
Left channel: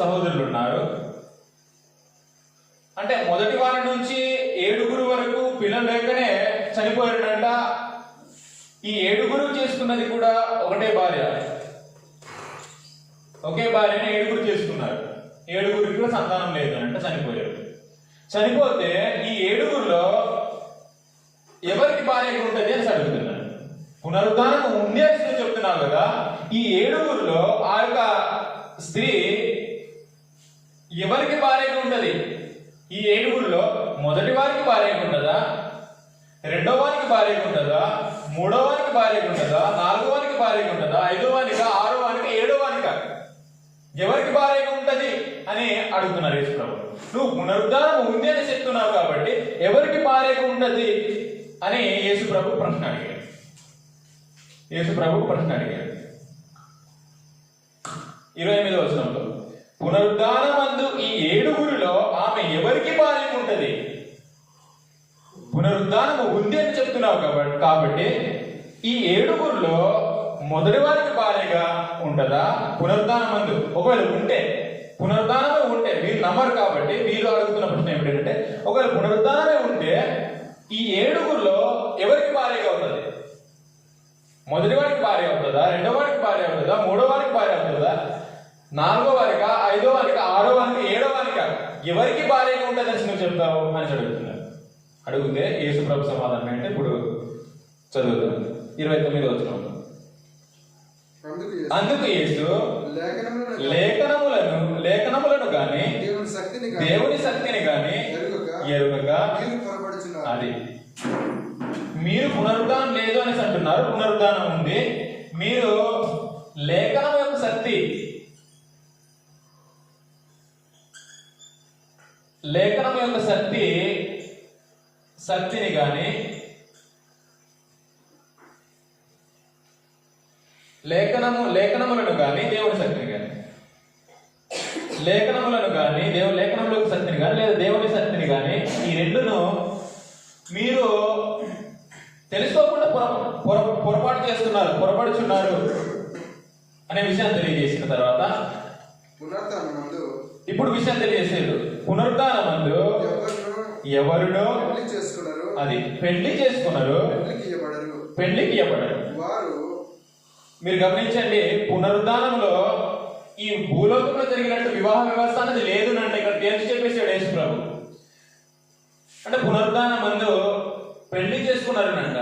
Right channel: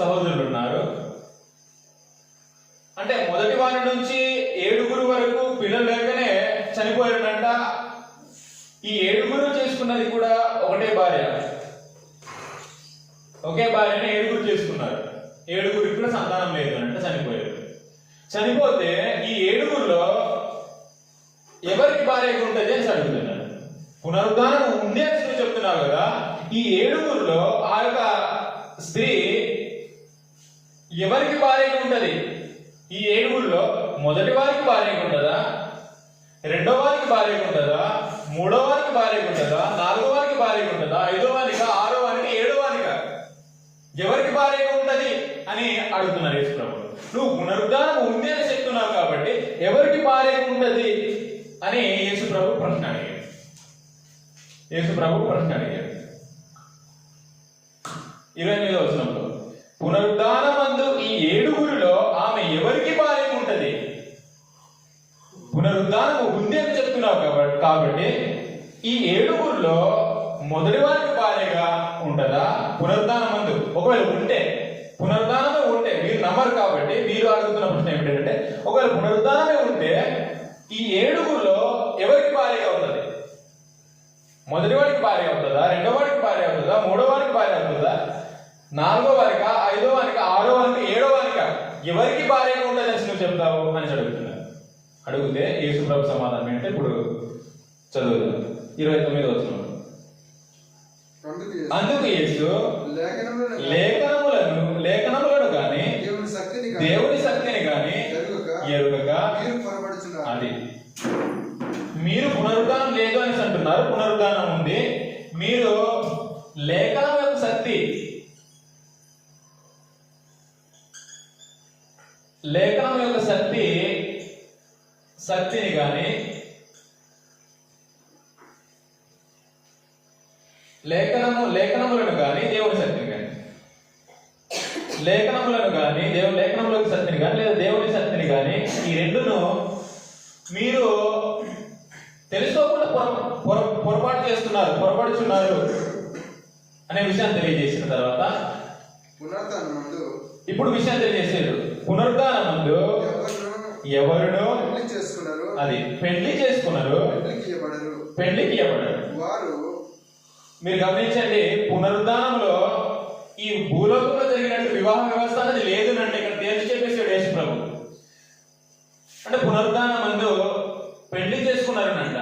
సహోదరులు ఉన్నారు. అంటే మొదటి వారి నుంచి 7 వరకు పిల్లలు లేకనే చనిపోయాడంట. ఈ 7 చేసుకున్నది కూడా ఒకటే భార్య, ఒకే భార్యని 7 చేసుకున్నారు. 7 కూడా సంతానం లేదంటే చనిపోయారు. చనిపోతే ఈ 7లో ఎవరికి భార్యగా ఉంటుంది అని అడుగుతున్నాడు. పునరుద్ధానం ఉంది అని నువ్వు చెప్తున్నావు కదా, ఈ 7లో ఆ యొక్క స్త్రీ ఎవరికి భార్యగా ఉంటది? ఈ 7లో మొదటి వారికి భార్యగా ఉంటుందా, రెండో వారికి భార్యగా ఉంటుందా, మూడో వారికి భార్యగా ఉంటుందా, 4వ వారికి భార్యగా ఉంటుందా, 5వ వారికి, 6వ వారికి, 7వ వారికి ఎవరికి భార్యగా ఉంటది అని అడుగుతున్నారు యేసు ప్రభు. నువ్వు పునరుద్ధానం ఉంది అని చెప్తున్నావు కాబట్టి ఎవరికి భార్యగా ఉంటది అని యేసు ప్రభు ప్రశ్న అడిగాడు. 28వ వచనంలో పునరుద్ధానమందు ఈ 7లో ఆమె ఎవరికి భార్యగా ఉంటది? పునరుద్ధానం ఉంది అని చెప్తున్నావు కాబట్టి ఈ 7లో మొదటి వారికి భార్యగా ఉంటదా? పునరుద్ధానమందు ఒకవేళ ఉంటే, పునరుద్ధానమే ఉంటే, మీరు నమ్మరు కాబట్టి మీరు అడుగుతున్న ప్రశ్న ఏమిటంటే, ఒకవేళ పునరుద్ధానమే ఉంటే ఈ 7లో ఎవరికి భార్యగా ఉంటుంది? మొదటి వారికి భార్య అవుతుందా, రెండో వారికి భార్య అవుతుందా, మూడో వారికి భార్య అవుతుందా, 4వ వారికా, 5వ వారికా, 6వ వారికి, 7వ వారికా ఎవరికి భార్యగా ఉంటుందని నువ్వు చెప్తావు అని అడుగుతున్నారు. అడిగితే యేసు ప్రభు సమాధానం అంటే ఇప్పుడు చదువుతాను 29వ వచనం. అందుకు యేసు లేఖనములను గాని దేవుని శక్తిని గాని ఎరుగక అది మీరు పునరుద్ధానం లేదు అని అంటున్నారు. పునరుద్ధానం ఉంది. మీరు లేఖనం యొక్క శక్తిని గాని లేఖనములను గాని దేవుని శక్తిని గాని లేఖనములను గాని లేఖనముల యొక్క శక్తిని గాని లేదా దేవుని శక్తిని గాని ఈ రెండును మీరు తెలుసుకోకుండా పొరపాటు చేస్తున్నారు, పొరపడుచున్నారు అనే విషయాన్ని తెలియజేసిన తర్వాత పునరుత్థానమందు ఇప్పుడు విషయం తెలియజేసాడు. పునరుత్థానమందు ఎవరునో పెళ్లి చేసుకున్నారు, అది పెళ్లి చేసుకున్నారు, పెళ్లికి ఇవ్వబడరు. వారు మీరు గమనించండి, పునరుద్ధానంలో ఈ భూలోకంలో జరిగినట్టు వివాహ వ్యవస్థ అనేది లేదు అంటే ఇక్కడ తేల్చి చెప్పేసాడు యేసు ప్రభు. అంటే పునరుద్ధానం ముందు పెళ్లి చేసుకున్నారనంట,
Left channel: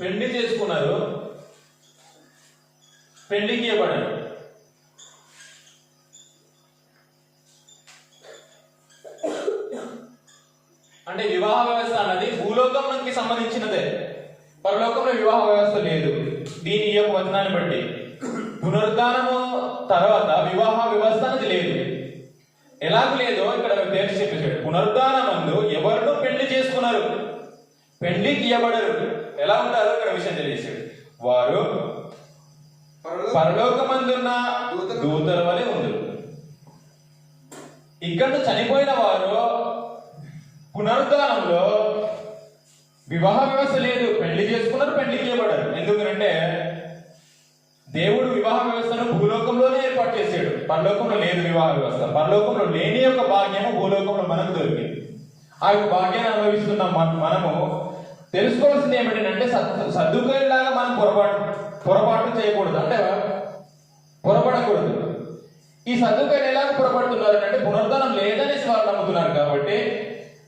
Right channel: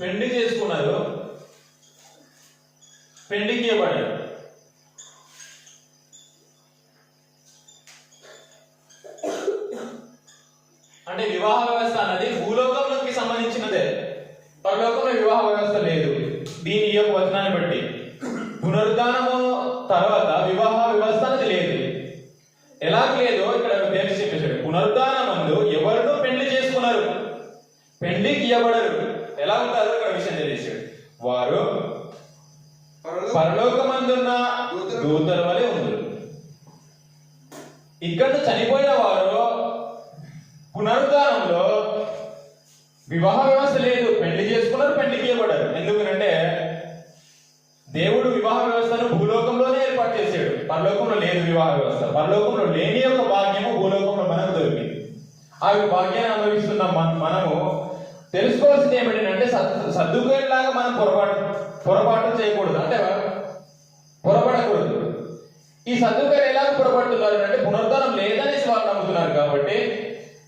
పెళ్లి చేసుకున్నారు, పెళ్లికి ఇవ్వబడారు. అంటే వివాహ వ్యవస్థ అనేది భూలోకంలోకి సంబంధించినదే, పరలోకంలో వివాహ వ్యవస్థ లేదు. దీని ఈ యొక్క వచనాన్ని బట్టి పునరుద్ధానము తర్వాత వివాహ వ్యవస్థ అనేది లేదు. ఎలా లేదో ఇక్కడ తేల్చి చెప్పేశాడు. పునరుద్ధానమందు ఎవరినో పెళ్లి చేసుకున్నారు, పెళ్లికి ఇవ్వబడరు. ఎలా ఉంటారో ఇక్కడ విషయం తెలియజేశాడు. వారు పరలోకమందున్న దూతల వలె ఉంది. ఇక్కడ చనిపోయిన వారు పునరుద్ధానంలో వివాహ వ్యవస్థ లేదు, పెళ్లి చేసుకున్నారు, పెళ్లికి ఇవ్వబడారు. ఎందుకంటే దేవుడు వివాహ వ్యవస్థను భూలోకంలోనే ఏర్పాటు చేశాడు. పరలోకంలో లేదు వివాహ వ్యవస్థ. పరలోకంలో లేని యొక్క భాగ్యము భూలోకంలో మనకు దొరికింది. ఆ యొక్క భాగ్యాన్ని అనుభవిస్తున్న మనము తెలుసుకోవాల్సింది ఏమిటంటే సర్దుకునేలాగా మనం పొరపాటు చేయకూడదు, అంటే పొరపడకూడదు. ఈ సర్దుకొని ఎలాగ పొరపడుతున్నారు అంటే పునరుద్ధానం లేదనేసి వాళ్ళు నమ్ముతున్నారు. కాబట్టి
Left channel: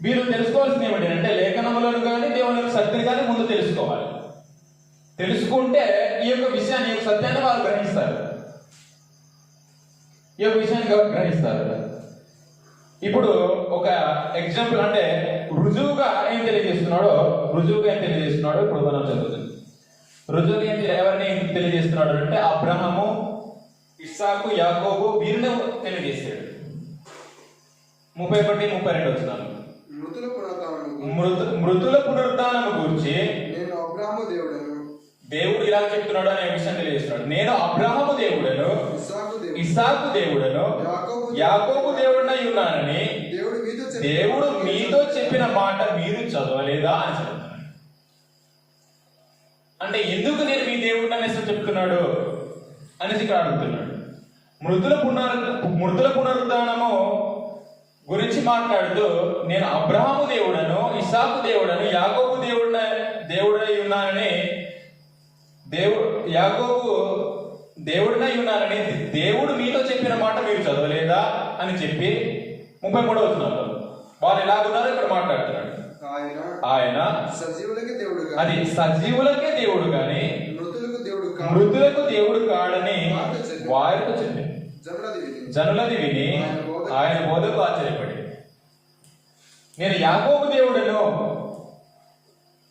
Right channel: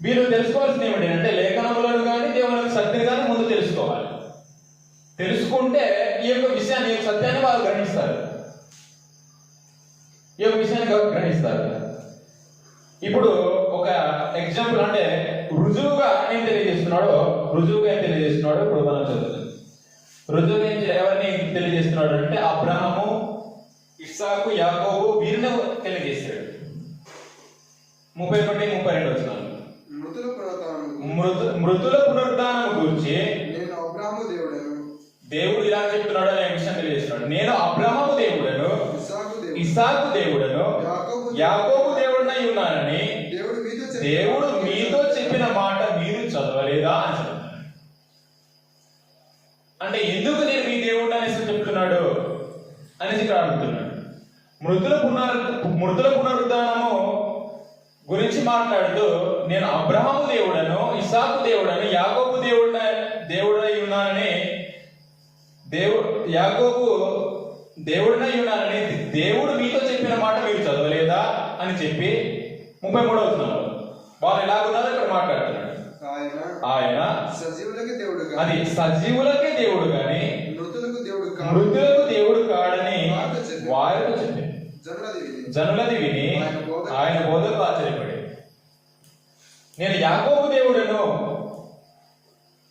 మీరు తెలుసుకోవాల్సింది ఏమిటంటే లేఖనములను కానీ దేవుని సత్యం కానీ ముందు తెలుసుకోవాలి. తెలుసుకుంటే ఈ యొక్క విషయాన్ని, ఈ యొక్క సత్యాన్ని వాళ్ళు గ్రహిస్తారు, ఈ యొక్క విషయాన్ని గ్రహిస్తారు. ఇప్పుడు ఒక ఎగ్జాంపుల్, అంటే రుజువుగా ఏం తెలియజేస్తున్నాడో ఇప్పుడు మనం చదువుతుంది. రుజువుగా ఎవరిని తెలియజేస్తున్నాడు అంటే అబ్రహాము, ఇస్సాకు, యాకోబు వీరిని తెలియజేస్తాడు. 31-32 వచనాలు. మృతుల పునరుద్ధానము గురించి నేను అబ్రహాము దేవుడను, దేవుడు ఇలా చెప్తున్నాడు అనే విషయం తెలియజేస్తున్నాడు. నేను అబ్రహాము దేవుడను, ఇస్సాకు దేవుడను, యాకోబు దేవుడనై ఉన్నానని దేవుడు మీతో చెప్పిన మాట మీరు చదవలేదా అని చెప్తున్నాడు. అంటే ఎందుకు నేను మీ దేవుడు అనేసి చెప్తున్నాడు అనేసి ఇక్కడ అడుగుతున్నాడు. మృతుల పునరుద్ధానము గురించి మాట్లాడుతూ నేను అబ్రహాము దేవుడను, ఇస్సాకు దేవుడను, యాకోబు దేవుడై ఉన్నానని దేవుడు మీతో చెప్పిన మాట మీరు చదవలేదా అని చెప్పి 33వ వచనంలో వాళ్ళు ఎలాగున్నారో ఇక్కడ మాట్లాడుతున్నాడు. ఆయన సజీవులకే దేవుడు, అది సజీవులకే దేవుడు గాని మృతులకు దేవుడు కాడని వారితో చెప్పింది. జనులది విని ఆయన బోధకు ఆశ్చర్యపడి నేను యాకోబు దేవుడను,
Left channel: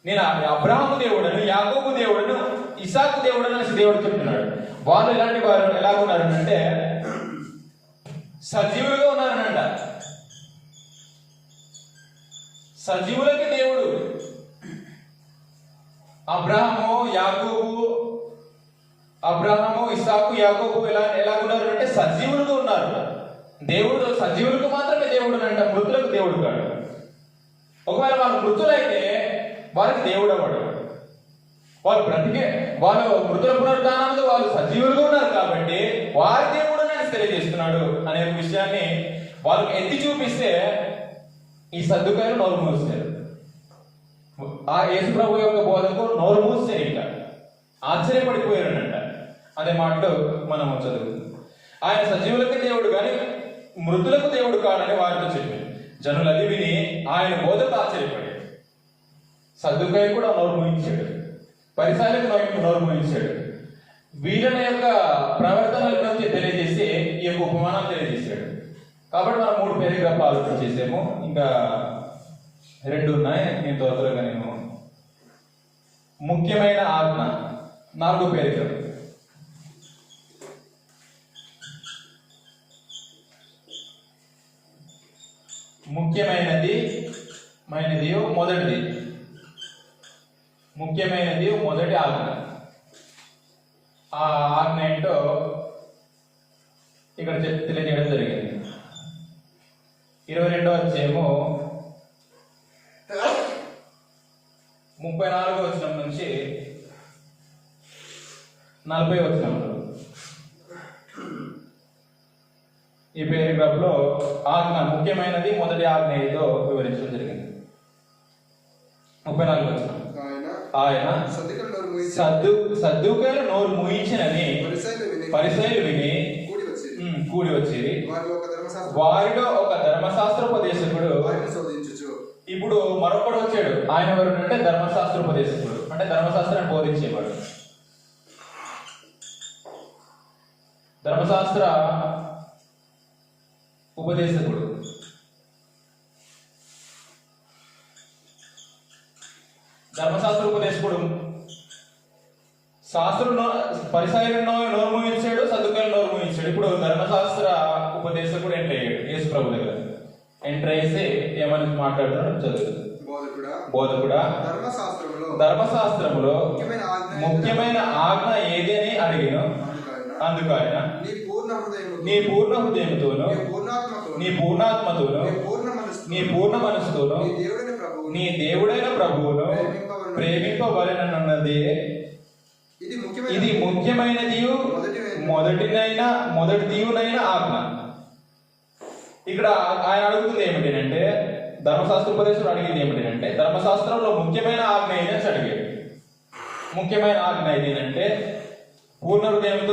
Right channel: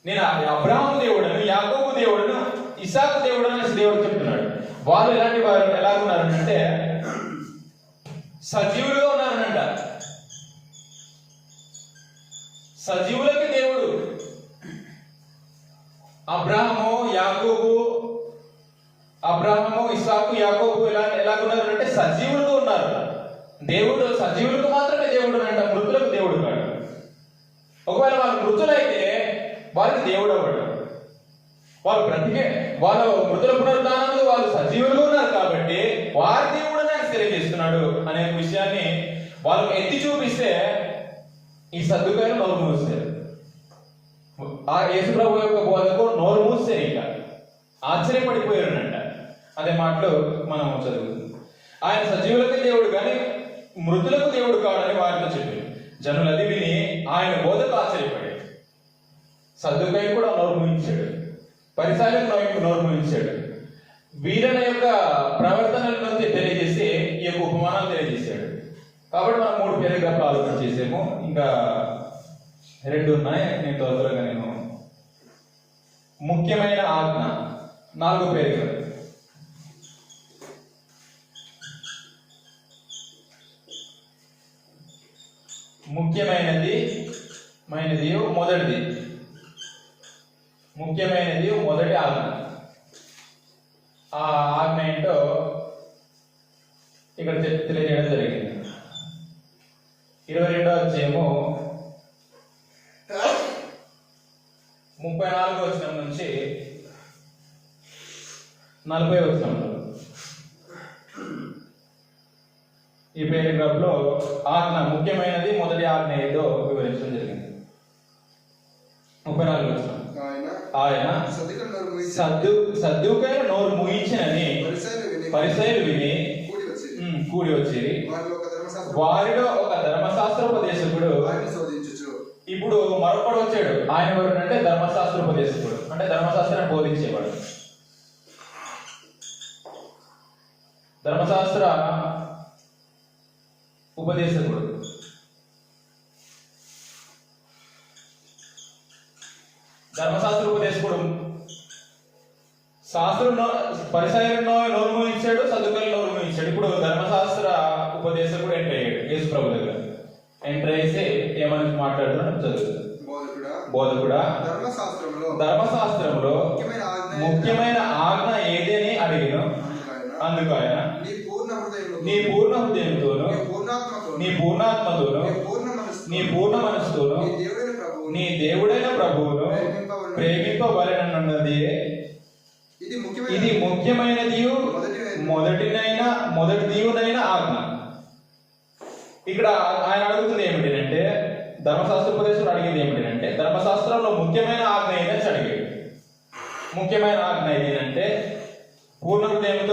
నేను అబ్రహాము దేవుడను, యాకోబు దేవుడను, ఇస్సాకు దేవుడను అనేసి దేవుడు చెప్తున్నాడు. వాళ్ళు ఎలాంటి వారు, ఎలా ఉన్నారు అంటే సజీవులుగా ఉన్నారనంట. సజీవులకి దేవుడు. అబ్రహాము, ఇస్సాకు, యాకోబు ఎలా ఉన్నారు అంటే సజీవులుగా ఉన్నారు. దేవుడు సజీవులకు మాత్రమే దేవుడు అంట, మృతులకు దేవుడు కాడు. ఒకవేళ వాళ్ళు మృతులైతే వాళ్ళకి దేవుడు అవ్వడు. వాళ్ళు మృతుల పునరుద్ధానంలో వాళ్ళు సజీవులుగా ఉన్నారు కాబట్టి వారి దేవుడు అని తెలియజేస్తున్నాడు అనే విషయాన్ని వాళ్ళకి ఎత్తి చూపిస్తే ఈ సర్దుకాయలు నోరు మూస్తారు. ఆ యేసు ప్రభు యొక్క బోధకు నోరు మూస్తే ఇంకా ఆశ్చర్యపడిపోయారనంట. అదే మాటలు మనం చదువుతుంది. ఆయన సజీవులకి దేవుడు కానీ మృతులకు దేవుడు కాడని వారితో చెప్పాడు. జనులది విని ఆయన బోధకు ఆశ్చర్యపడాడు. సద్దుకాయ కూడా నోరు మూయించాడు, పరిసరాలకు నోరు మూయించాడు. వీరుల యొక్క ప్రవర్తనలను తెలియజేసి ఈ యొక్క ఉపమానాలు తెలియజేశాడు. కాబట్టి మనం 3 పేరాగ్రాఫ్లు ఆలోచన చేసాము. ఇంకా 2 ఉన్నాయి, నేను త్వరగా ముఖ్యమైన ఆజ్ఞ 4 పేరాగ్రాఫ్. ముఖ్యమైనది మొదటి ఆజ్ఞ. ఆ ఆజ్ఞ ఏంటో ఇక్కడ తెలియజేయడం జరిగింది. 22వ అధ్యాయము 40వ వచనంలో ఈ పేరాగ్రాఫ్ లో ఆజ్ఞ ముఖ్యమైనది, మొదటి ఆజ్ఞ ఏదో వివరించడం జరిగింది. 34వ వచనం. ఆయన సద్దూకైన నోరు ముయించినని పరిసయ్యులు విని కూడి వచ్చి వారిలో ఒక ధర్మశాస్త్రోపదేశకుడు ఇప్పుడు మరొకడు వచ్చాడు. ఆయన ఎవరు అంటే ధర్మశాస్త్రోపదేశకుడు, అంటే ధర్మశాస్త్రాన్ని బోధించేవాడు. ధర్మశాస్త్ర ఉపదేశకుడు. ధర్మశాస్త్ర ఉపదేశకుడు శాస్త్రం పరిసయ్యులు నోరు మూయించాడు, సద్దుకాయలు నోరు మూయించాడు. ఇప్పుడు ధర్మశాస్త్ర ఉపదేశకుడు ఎంటర్ అయ్యాడు యేసు ప్రభు దగ్గర. ఎంటర్ అయితే ఏమని మాట్లాడుతున్నాడు చదువు. బోధకుడా, ధర్మశాస్త్రంలో ముఖ్యమైన ఆజ్ఞ ఏది అని అడిగాను. అందుకు ఆయన నీ పూర్ణ హృదయంతోను, నీ పూర్ణాత్మతోను, నీ పూర్ణ మనసుతోను నీ దేవుడైన ప్రభువును ప్రేమింపవలెనన్నది ఇది ముఖ్యమైనది, మొదటిదైన ఆజ్ఞ. ఇక్కడ ఆయన అడుగుతుంది ఏమిటంటే, ధర్మశాస్త్ర ఉపదేశకుడు అడిగింది ఏమిటంటే, ధర్మశాస్త్రంలో ముఖ్యమైన ఆజ్ఞ ఏదని అడిగాడు. ముఖ్యమైన ఆజ్ఞ ఏంటంటే పూర్ణ హృదయంతో